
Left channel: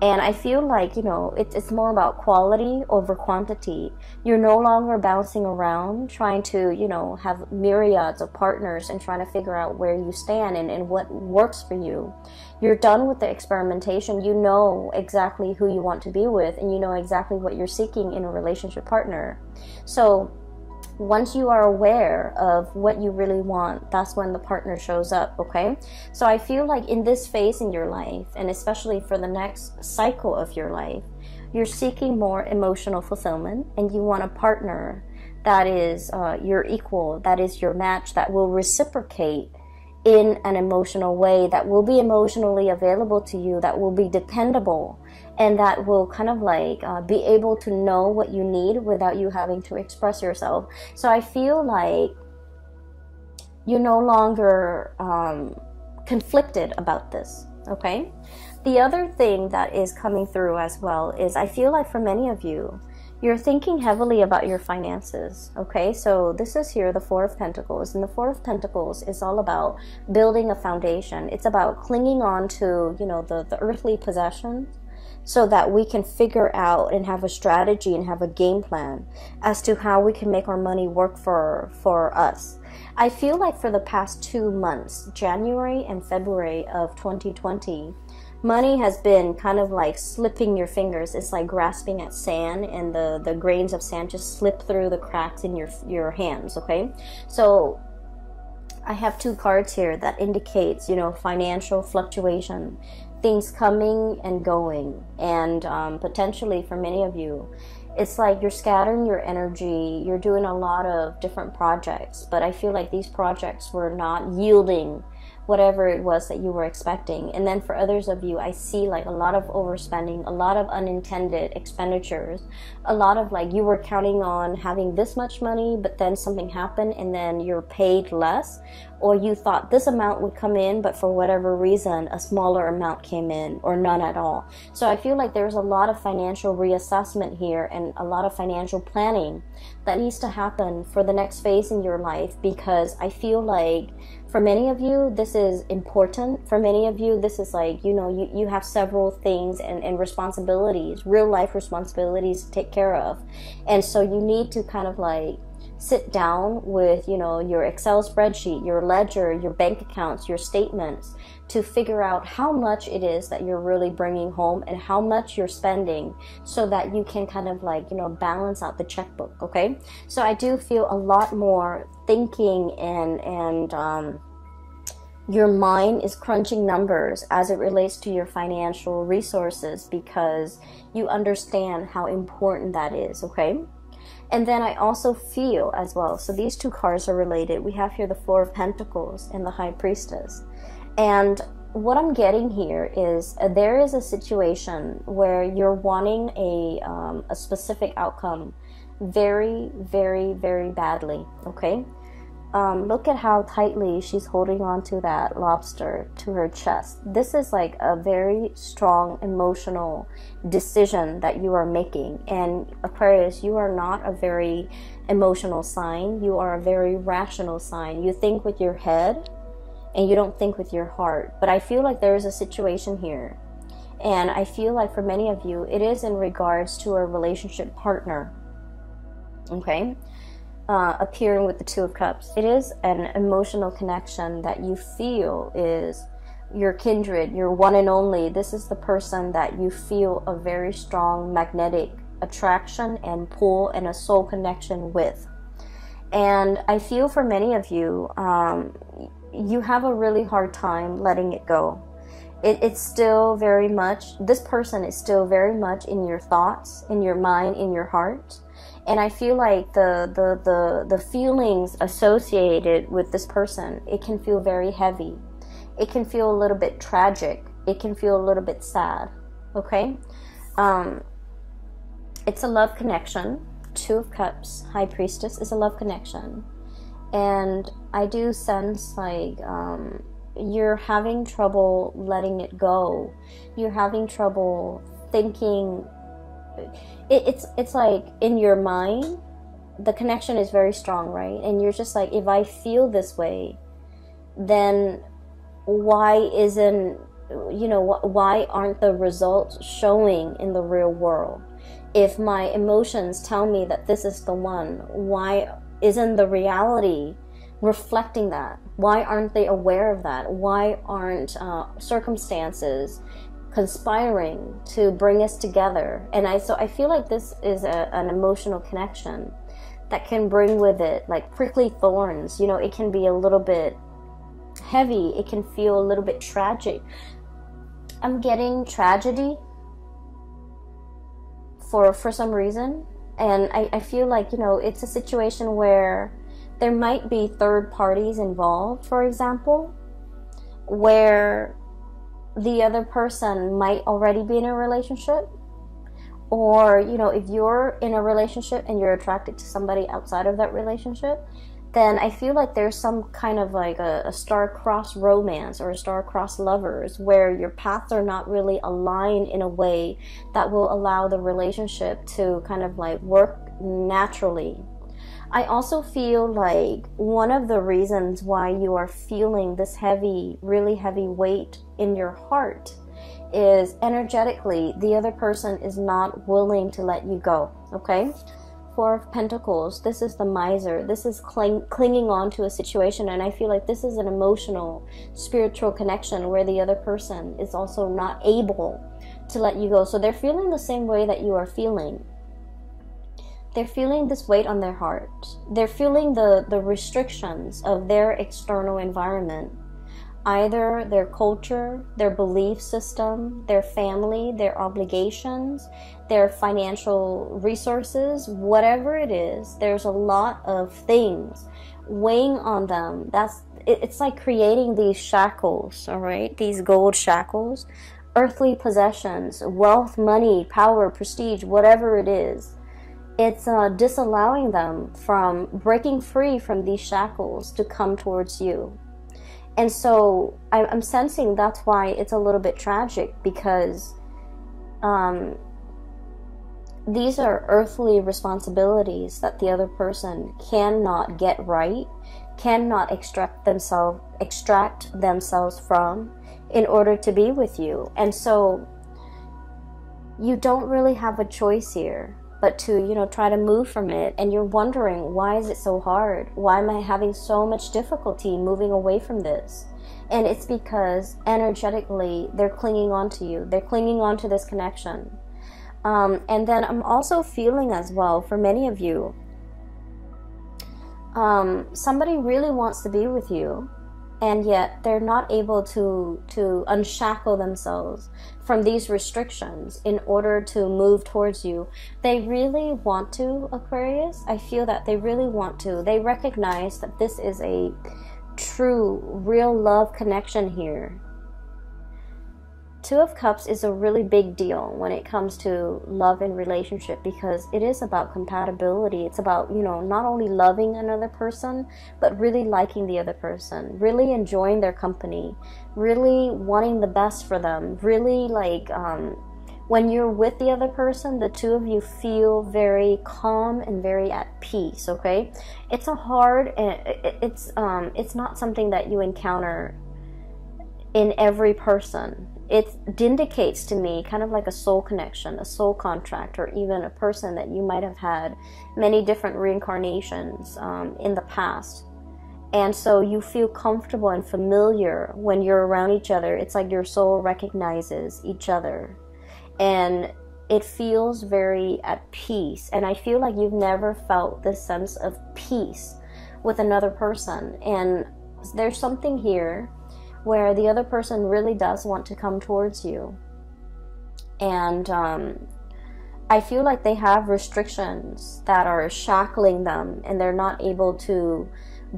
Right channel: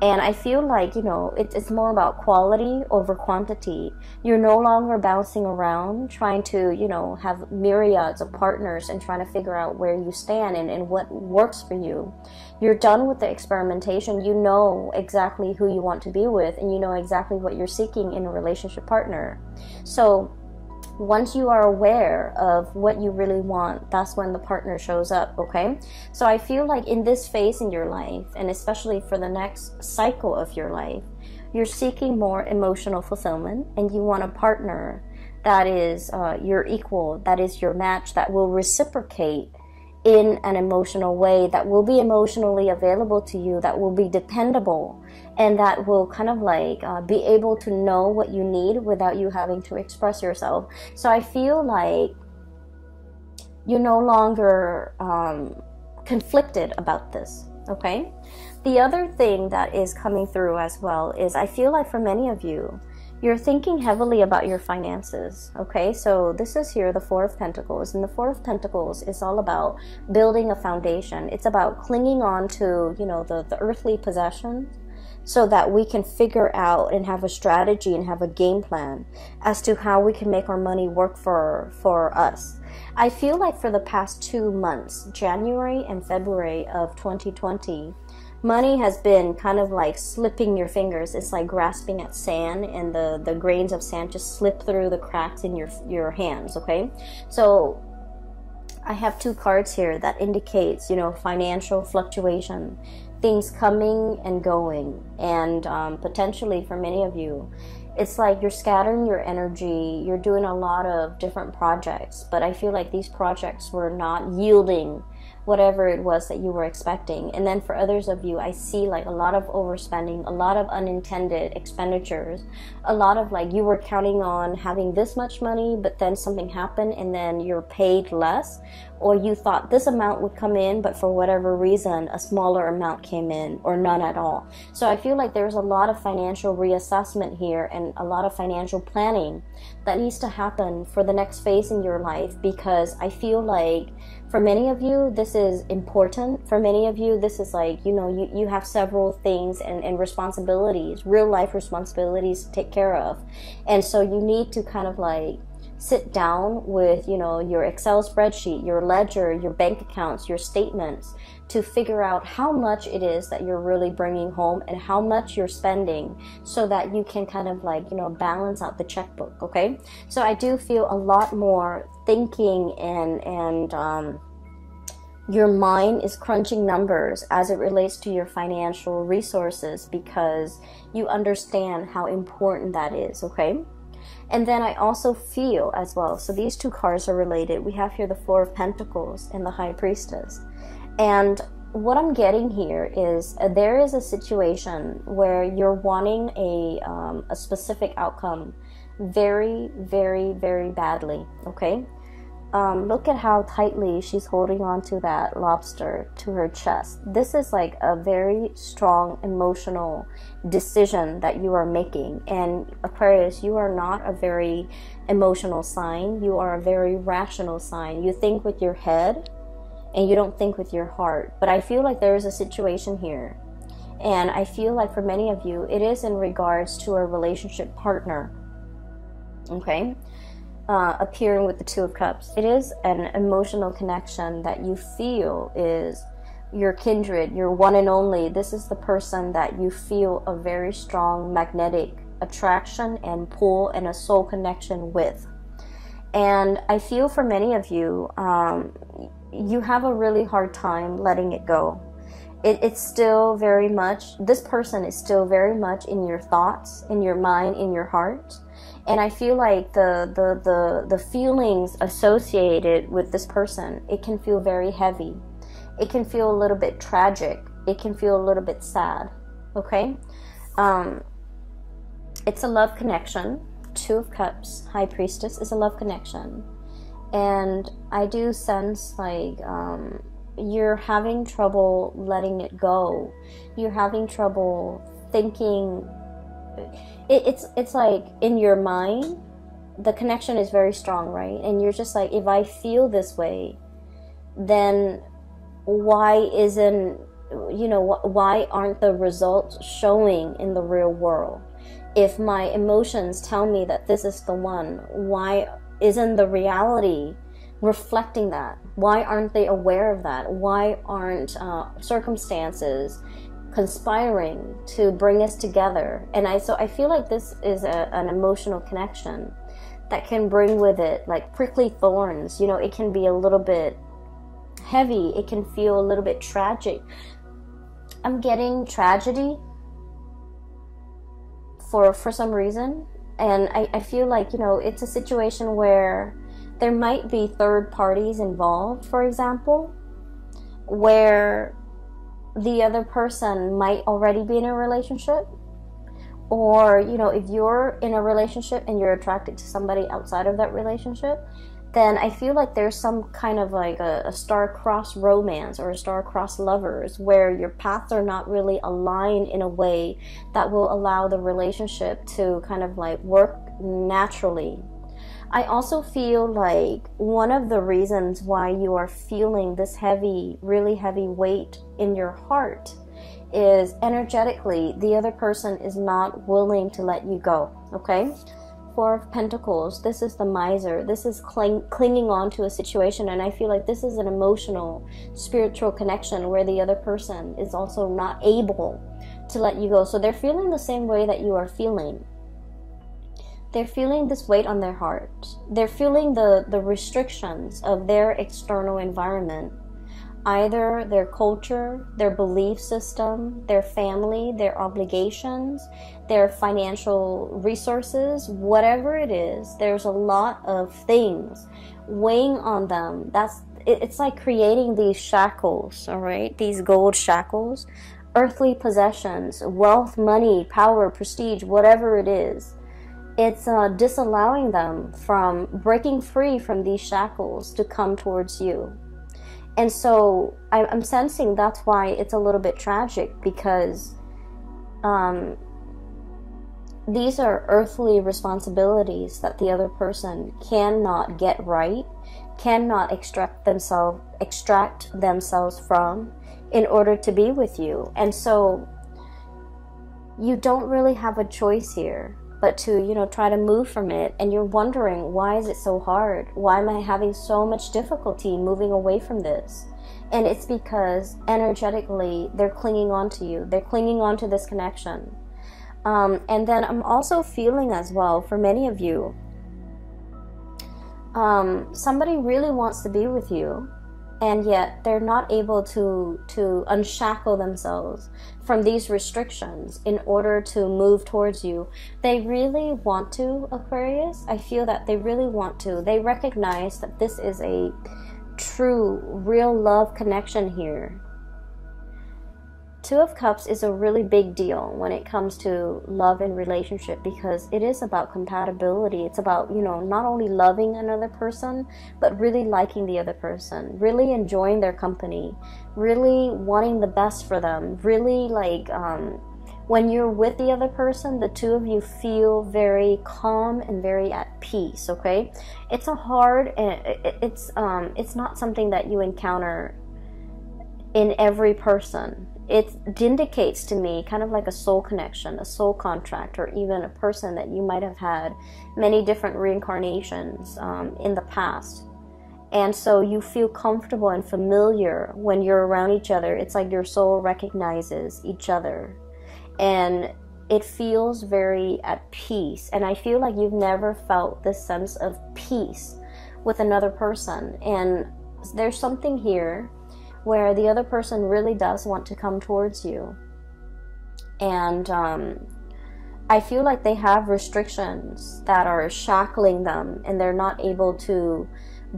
And I feel like, you know, it's more about quality over quantity. You're no longer bouncing around trying to, you know, have myriads of partners and trying to figure out where you stand and what works for you. You're done with the experimentation. You know exactly who you want to be with, and you know exactly what you're seeking in a relationship partner. So once you are aware of what you really want, that's when the partner shows up, okay? So I feel like in this phase in your life, and especially for the next cycle of your life, you're seeking more emotional fulfillment, and you want a partner that is your equal, that is your match, that will reciprocate in an emotional way, that will be emotionally available to you, that will be dependable, and that will kind of like be able to know what you need without you having to express yourself. So I feel like you're no longer conflicted about this, okay? The other thing that is coming through as well is I feel like for many of you, you're thinking heavily about your finances, okay? So this is here, the Four of Pentacles, and the Four of Pentacles is all about building a foundation. It's about clinging on to, you know, the earthly possessions, so that we can figure out and have a strategy and have a game plan as to how we can make our money work for us. I feel like for the past 2 months, January and February of 2020, money has been kind of like slipping your fingers. It's like grasping at sand, and the grains of sand just slip through the cracks in your hands, okay? So I have 2 cards here that indicates, you know, financial fluctuation, things coming and going, and potentially for many of you, it's like you're scattering your energy, you're doing a lot of different projects, but I feel like these projects were not yielding whatever it was that you were expecting. And then for others of you, I see like a lot of overspending, a lot of unintended expenditures, a lot of like you were counting on having this much money, but then something happened and then you're paid less, or you thought this amount would come in, but for whatever reason, a smaller amount came in, or none at all. So I feel like there's a lot of financial reassessment here and a lot of financial planning that needs to happen for the next phase in your life, because I feel like for many of you, this is important. For many of you, this is like, you know, you have several things and responsibilities, real life responsibilities to take care of. And so you need to kind of like sit down with, you know, your Excel spreadsheet, your ledger, your bank accounts, your statements, to figure out how much it is that you're really bringing home and how much you're spending, so that you can kind of like, you know, balance out the checkbook, okay? So I do feel a lot more thinking and your mind is crunching numbers as it relates to your financial resources, because you understand how important that is, okay? And then I also feel as well, so these 2 cards are related. We have here the Four of Pentacles and the High Priestess. And what I'm getting here is there is a situation where you're wanting a specific outcome very, very, very badly, okay? Look at how tightly she's holding on to that lobster to her chest. This is like a very strong emotional decision that you are making. And Aquarius, you are not a very emotional sign. You are a very rational sign. You think with your head and you don't think with your heart. But I feel like there is a situation here. And I feel like for many of you, it is in regards to a relationship partner, okay? Appearing with the Two of Cups. It is an emotional connection that you feel is your kindred, your one and only. This is the person that you feel a very strong magnetic attraction and pull and a soul connection with. And I feel for many of you, you have a really hard time letting it go. It's still very much, this person is still very much in your thoughts, in your mind, in your heart. And I feel like the feelings associated with this person, it can feel very heavy. It can feel a little bit tragic. It can feel a little bit sad, okay? It's a love connection. Two of Cups, High Priestess is a love connection. And I do sense like you're having trouble letting it go. You're having trouble thinking it's like in your mind, the connection is very strong, right? And you're just like, if I feel this way, then why isn't, you know, why aren't the results showing in the real world? If my emotions tell me that this is the one, why isn't the reality reflecting that? Why aren't they aware of that? Why aren't circumstances conspiring to bring us together? And so I feel like this is an emotional connection that can bring with it like prickly thorns. You know, it can be a little bit heavy. It can feel a little bit tragic. I'm getting tragedy for some reason. And I feel like, you know, it's a situation where there might be third parties involved, for example, where the other person might already be in a relationship. Or, you know, if you're in a relationship and you're attracted to somebody outside of that relationship, then I feel like there's some kind of like a star-crossed romance or a star-crossed lovers where your paths are not really aligned in a way that will allow the relationship to kind of like work naturally. I also feel like one of the reasons why you are feeling this heavy, really heavy weight in your heart is energetically the other person is not willing to let you go, okay? Four of Pentacles, this is the miser. This is clinging on to a situation, and I feel like this is an emotional, spiritual connection where the other person is also not able to let you go. So they're feeling the same way that you are feeling. They're feeling this weight on their heart. They're feeling the restrictions of their external environment. Either their culture, their belief system, their family, their obligations, their financial resources, whatever it is, there's a lot of things weighing on them. It's like creating these shackles, all right? These gold shackles, earthly possessions, wealth, money, power, prestige, whatever it is. It's disallowing them from breaking free from these shackles to come towards you. And so I'm sensing that's why it's a little bit tragic, because these are earthly responsibilities that the other person cannot get right, cannot extract themselves from in order to be with you. And so you don't really have a choice here but to, you know, try to move from it. And you're wondering, why is it so hard? Why am I having so much difficulty moving away from this? And it's because energetically they're clinging on to you. They're clinging on to this connection. And then I'm also feeling as well, for many of you, somebody really wants to be with you, and yet they're not able to unshackle themselves from these restrictions in order to move towards you. They really want to, Aquarius. I feel that they really want to. They recognize that this is a true, real love connection here. Two of Cups is a really big deal when it comes to love and relationship, because it is about compatibility. It's about, you know, not only loving another person, but really liking the other person, really enjoying their company, really wanting the best for them, really like, when you're with the other person, the two of you feel very calm and very at peace, okay? It's a hard, it's not something that you encounter in every person. It indicates to me kind of like a soul connection, a soul contract, or even a person that you might have had many different reincarnations in the past. And so you feel comfortable and familiar when you're around each other. It's like your soul recognizes each other. And it feels very at peace. And I feel like you've never felt this sense of peace with another person. And there's something here where the other person really does want to come towards you. And I feel like they have restrictions that are shackling them, and they're not able to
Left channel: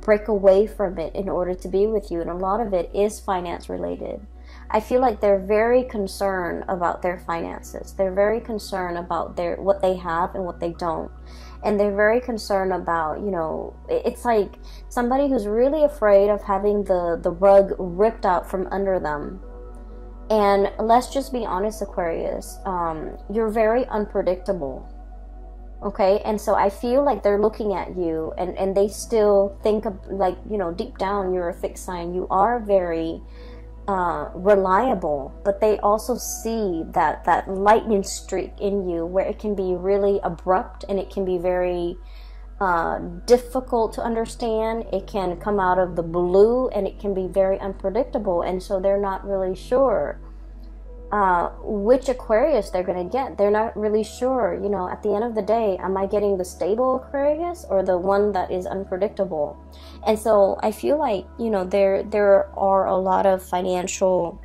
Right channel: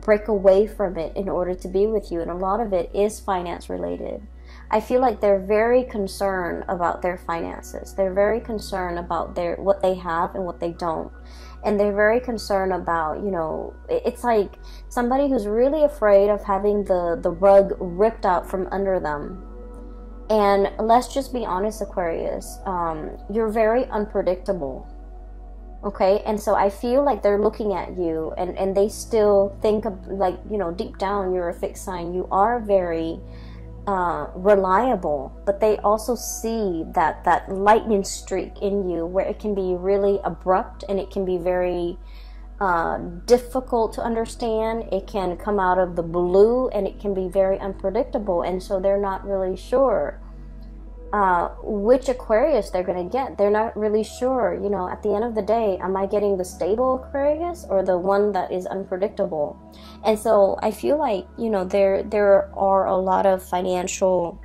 break away from it in order to be with you. And a lot of it is finance related. I feel like they're very concerned about their finances. They're very concerned about what they have and what they don't. And they're very concerned about, you know, it's like somebody who's really afraid of having the rug ripped out from under them. And let's just be honest, Aquarius, you're very unpredictable. Okay, and so I feel like they're looking at you, and they still think of, like, you know, deep down you're a fixed sign. You are very reliable, but they also see that lightning streak in you, where it can be really abrupt and it can be very difficult to understand. It can come out of the blue and it can be very unpredictable, and so they're not really sure which Aquarius they're going to get. They're not really sure, you know, at the end of the day, am I getting the stable Aquarius or the one that is unpredictable? And so I feel like, you know, there are a lot of financial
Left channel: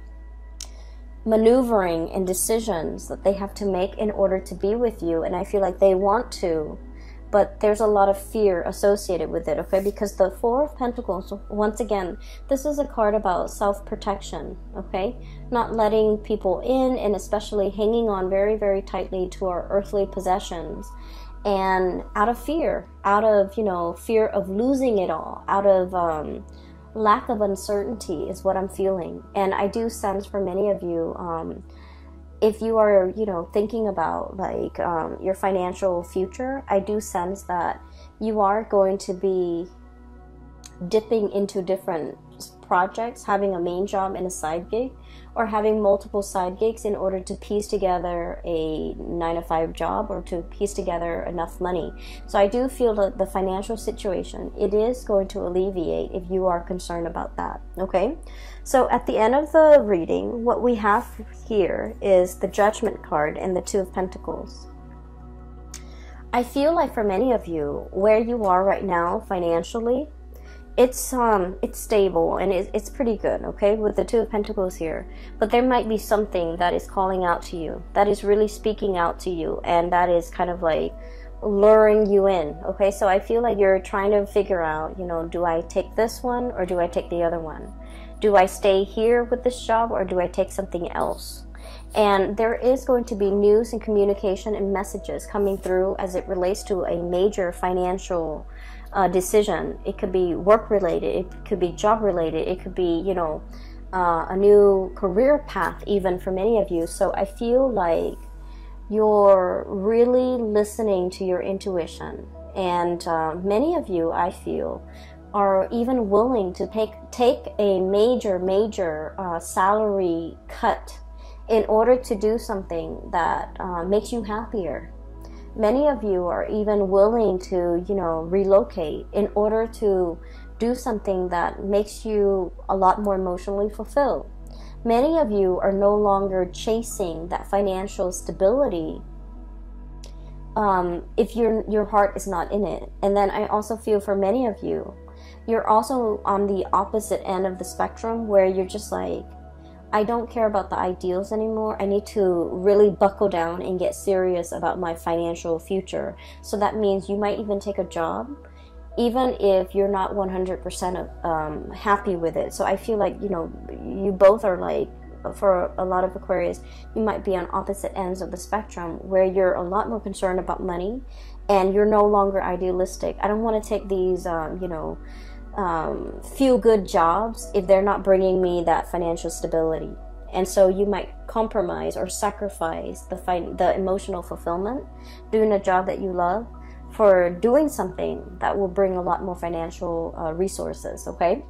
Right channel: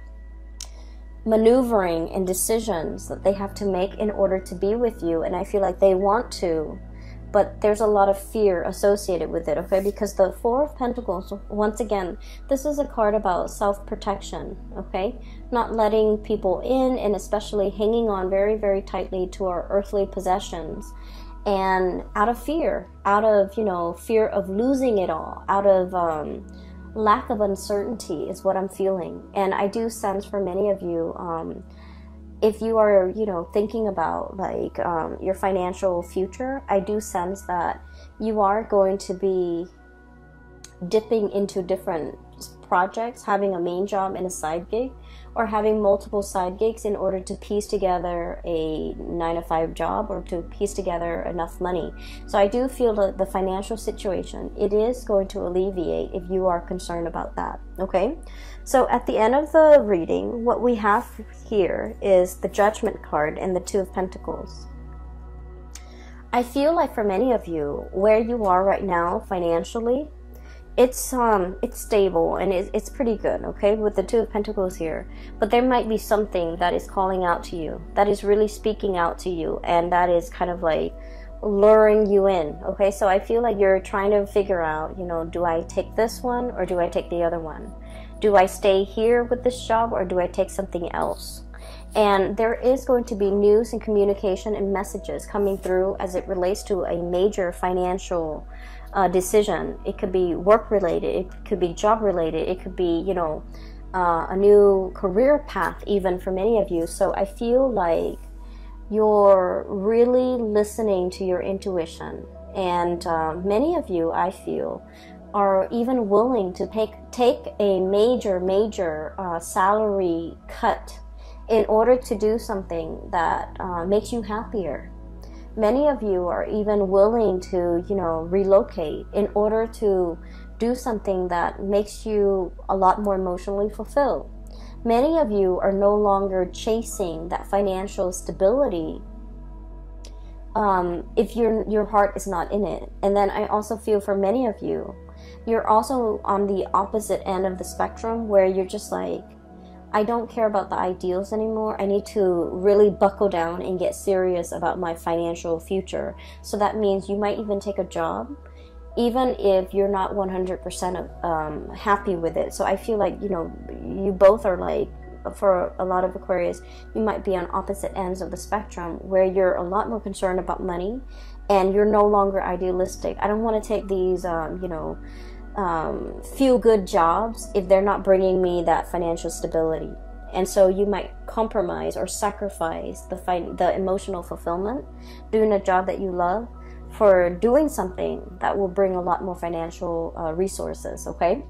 maneuvering and decisions that they have to make in order to be with you, and I feel like they want to, but there's a lot of fear associated with it, okay? Because the Four of Pentacles, once again, this is a card about self-protection, okay? Not letting people in, and especially hanging on very, very tightly to our earthly possessions. And out of fear, you know, fear of losing it all, out of lack of uncertainty is what I'm feeling. And I do sense for many of you, if you are, you know, thinking about like your financial future, I do sense that you are going to be dipping into different projects, having a main job and a side gig, or having multiple side gigs in order to piece together a 9-to-5 job, or to piece together enough money. So I do feel that the financial situation, it is going to alleviate if you are concerned about that, okay? So at the end of the reading, what we have here is the Judgment card and the Two of Pentacles. I feel like for many of you, where you are right now financially, it's stable and it's pretty good, okay, with the Two of Pentacles here. But there might be something that is calling out to you, that is really speaking out to you, and that is kind of like luring you in, okay? So I feel like you're trying to figure out, you know, do I take this one or do I take the other one? Do I stay here with this job or do I take something else? And there is going to be news and communication and messages coming through as it relates to a major financial decision. It could be work related, it could be job related, it could be, you know, a new career path even for many of you. So I feel like you're really listening to your intuition, and many of you, I feel, are even willing to take a major salary cut in order to do something that makes you happier. Many of you are even willing to, you know, relocate in order to do something that makes you a lot more emotionally fulfilled. Many of you are no longer chasing that financial stability if your heart is not in it. And then I also feel for many of you, you're also on the opposite end of the spectrum, where you're just like, I don't care about the ideals anymore. I need to really buckle down and get serious about my financial future. So that means you might even take a job, even if you're not 100% happy with it. So I feel like, you know, you both are like, for a lot of Aquarius, you might be on opposite ends of the spectrum, where you're a lot more concerned about money and you're no longer idealistic. I don't want to take these, you know, feel good jobs if they're not bringing me that financial stability. And so you might compromise or sacrifice the emotional fulfillment doing a job that you love for doing something that will bring a lot more financial resources, okay?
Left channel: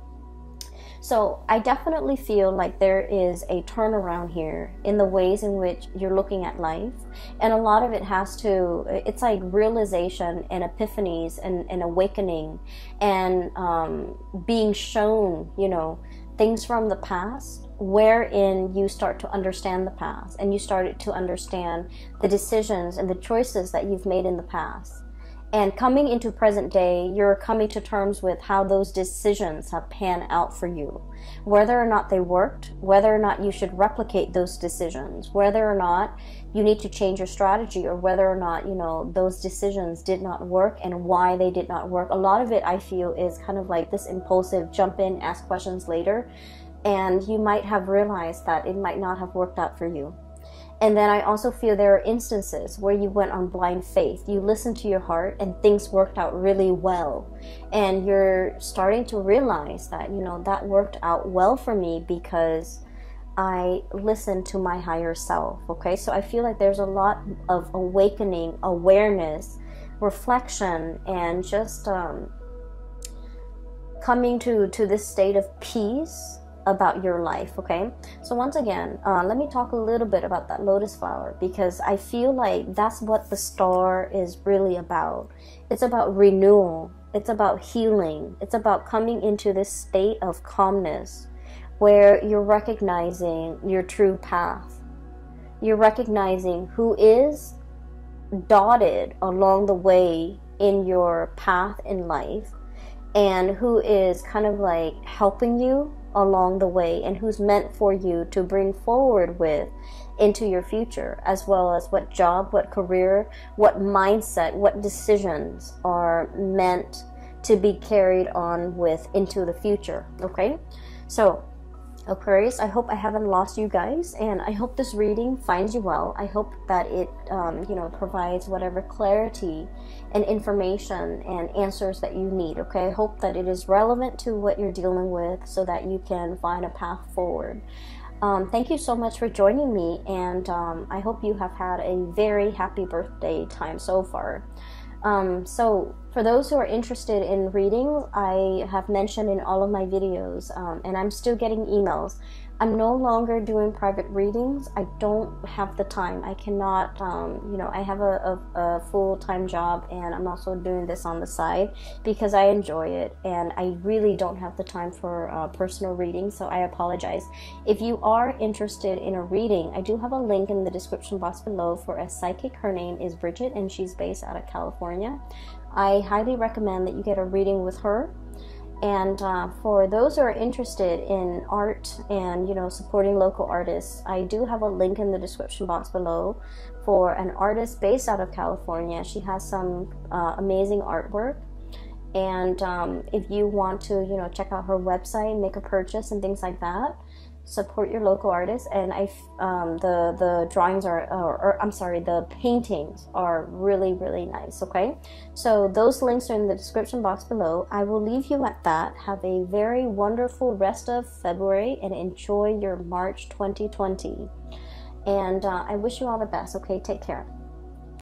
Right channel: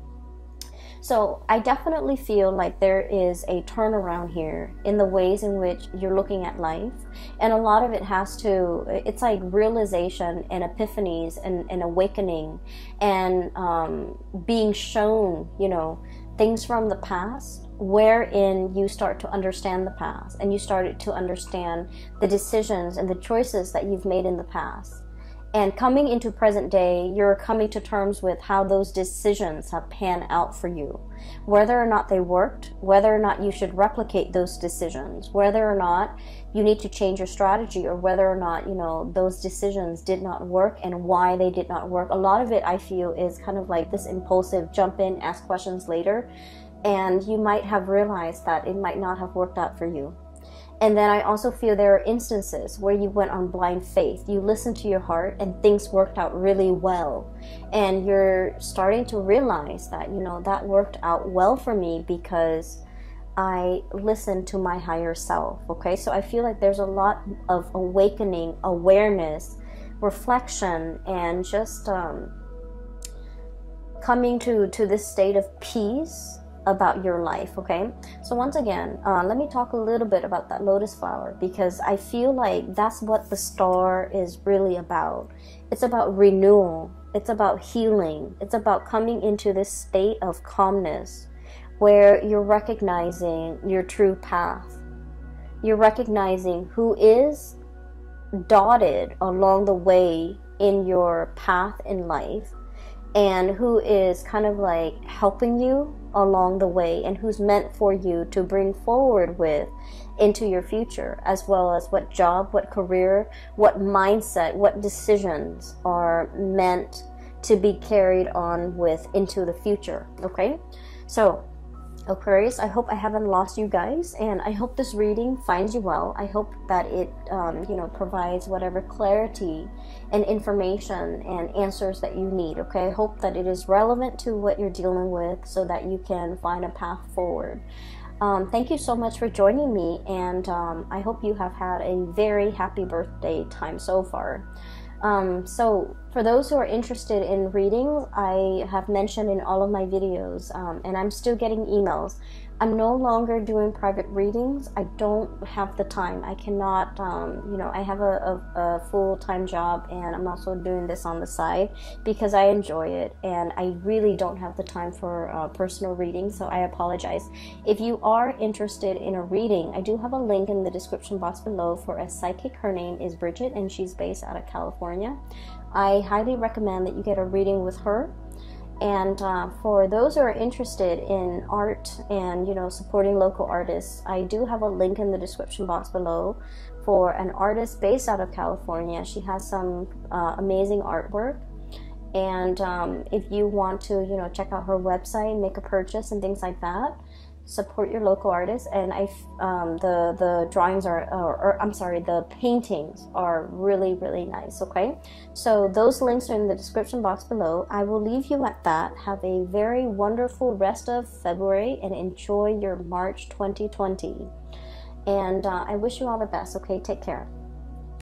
So I definitely feel like there is a turnaround here in the ways in which you're looking at life. And a lot of it has to, it's like realization and epiphanies and awakening and being shown, you know, things from the past, wherein you start to understand the past and you started to understand the decisions and the choices that you've made in the past. And coming into present day, you're coming to terms with how those decisions have panned out for you. Whether or not they worked, whether or not you should replicate those decisions, whether or not you need to change your strategy, or whether or not, you know, those decisions did not work and why they did not work. A lot of it, I feel, is kind of like this impulsive jump in, ask questions later, and you might have realized that it might not have worked out for you. And then I also feel there are instances where you went on blind faith. You listened to your heart and things worked out really well. And you're starting to realize that, you know, that worked out well for me because I listen to my higher self. Okay, so I feel like there's a lot of awakening, awareness, reflection, and just coming to this state of peace about your life. Okay, so once again, let me talk a little bit about that lotus flower, because I feel like that's what the star is really about. It's about renewal, it's about healing, it's about coming into this state of calmness where you're recognizing your true path. You're recognizing who is dotted along the way in your path in life, and who is kind of like helping you along the way, and who's meant for you to bring forward with into your future, as well as what job, what career, what mindset, what decisions are meant to be carried on with into the future. Okay, so Aquarius, I hope I haven't lost you guys, and I hope this reading finds you well. I hope that it provides whatever clarity and information and answers that you need. Okay, I hope that it is relevant to what you're dealing with, so that you can find a path forward. Thank you so much for joining me, and I hope you have had a very happy birthday time so far. So for those who are interested in reading, I have mentioned in all of my videos, and I'm still getting emails, I'm no longer doing private readings. I don't have the time. I cannot, I have a full-time job, and I'm also doing this on the side because I enjoy it, and I really don't have the time for personal readings, so I apologize. If you are interested in a reading, I do have a link in the description box below for a psychic. Her name is Bridget, and she's based out of California. I highly recommend that you get a reading with her. And for those who are interested in art and, supporting local artists, I do have a link in the description box below for an artist based out of California. She has some amazing artwork. And if you want to, check out her website, make a purchase and things like that, support your local artists. And the drawings the paintings are really, really nice. Okay, so those links are in the description box below. I will leave you at that. Have a very wonderful rest of February, and enjoy your March 2020. And I wish you all the best. Okay, take care.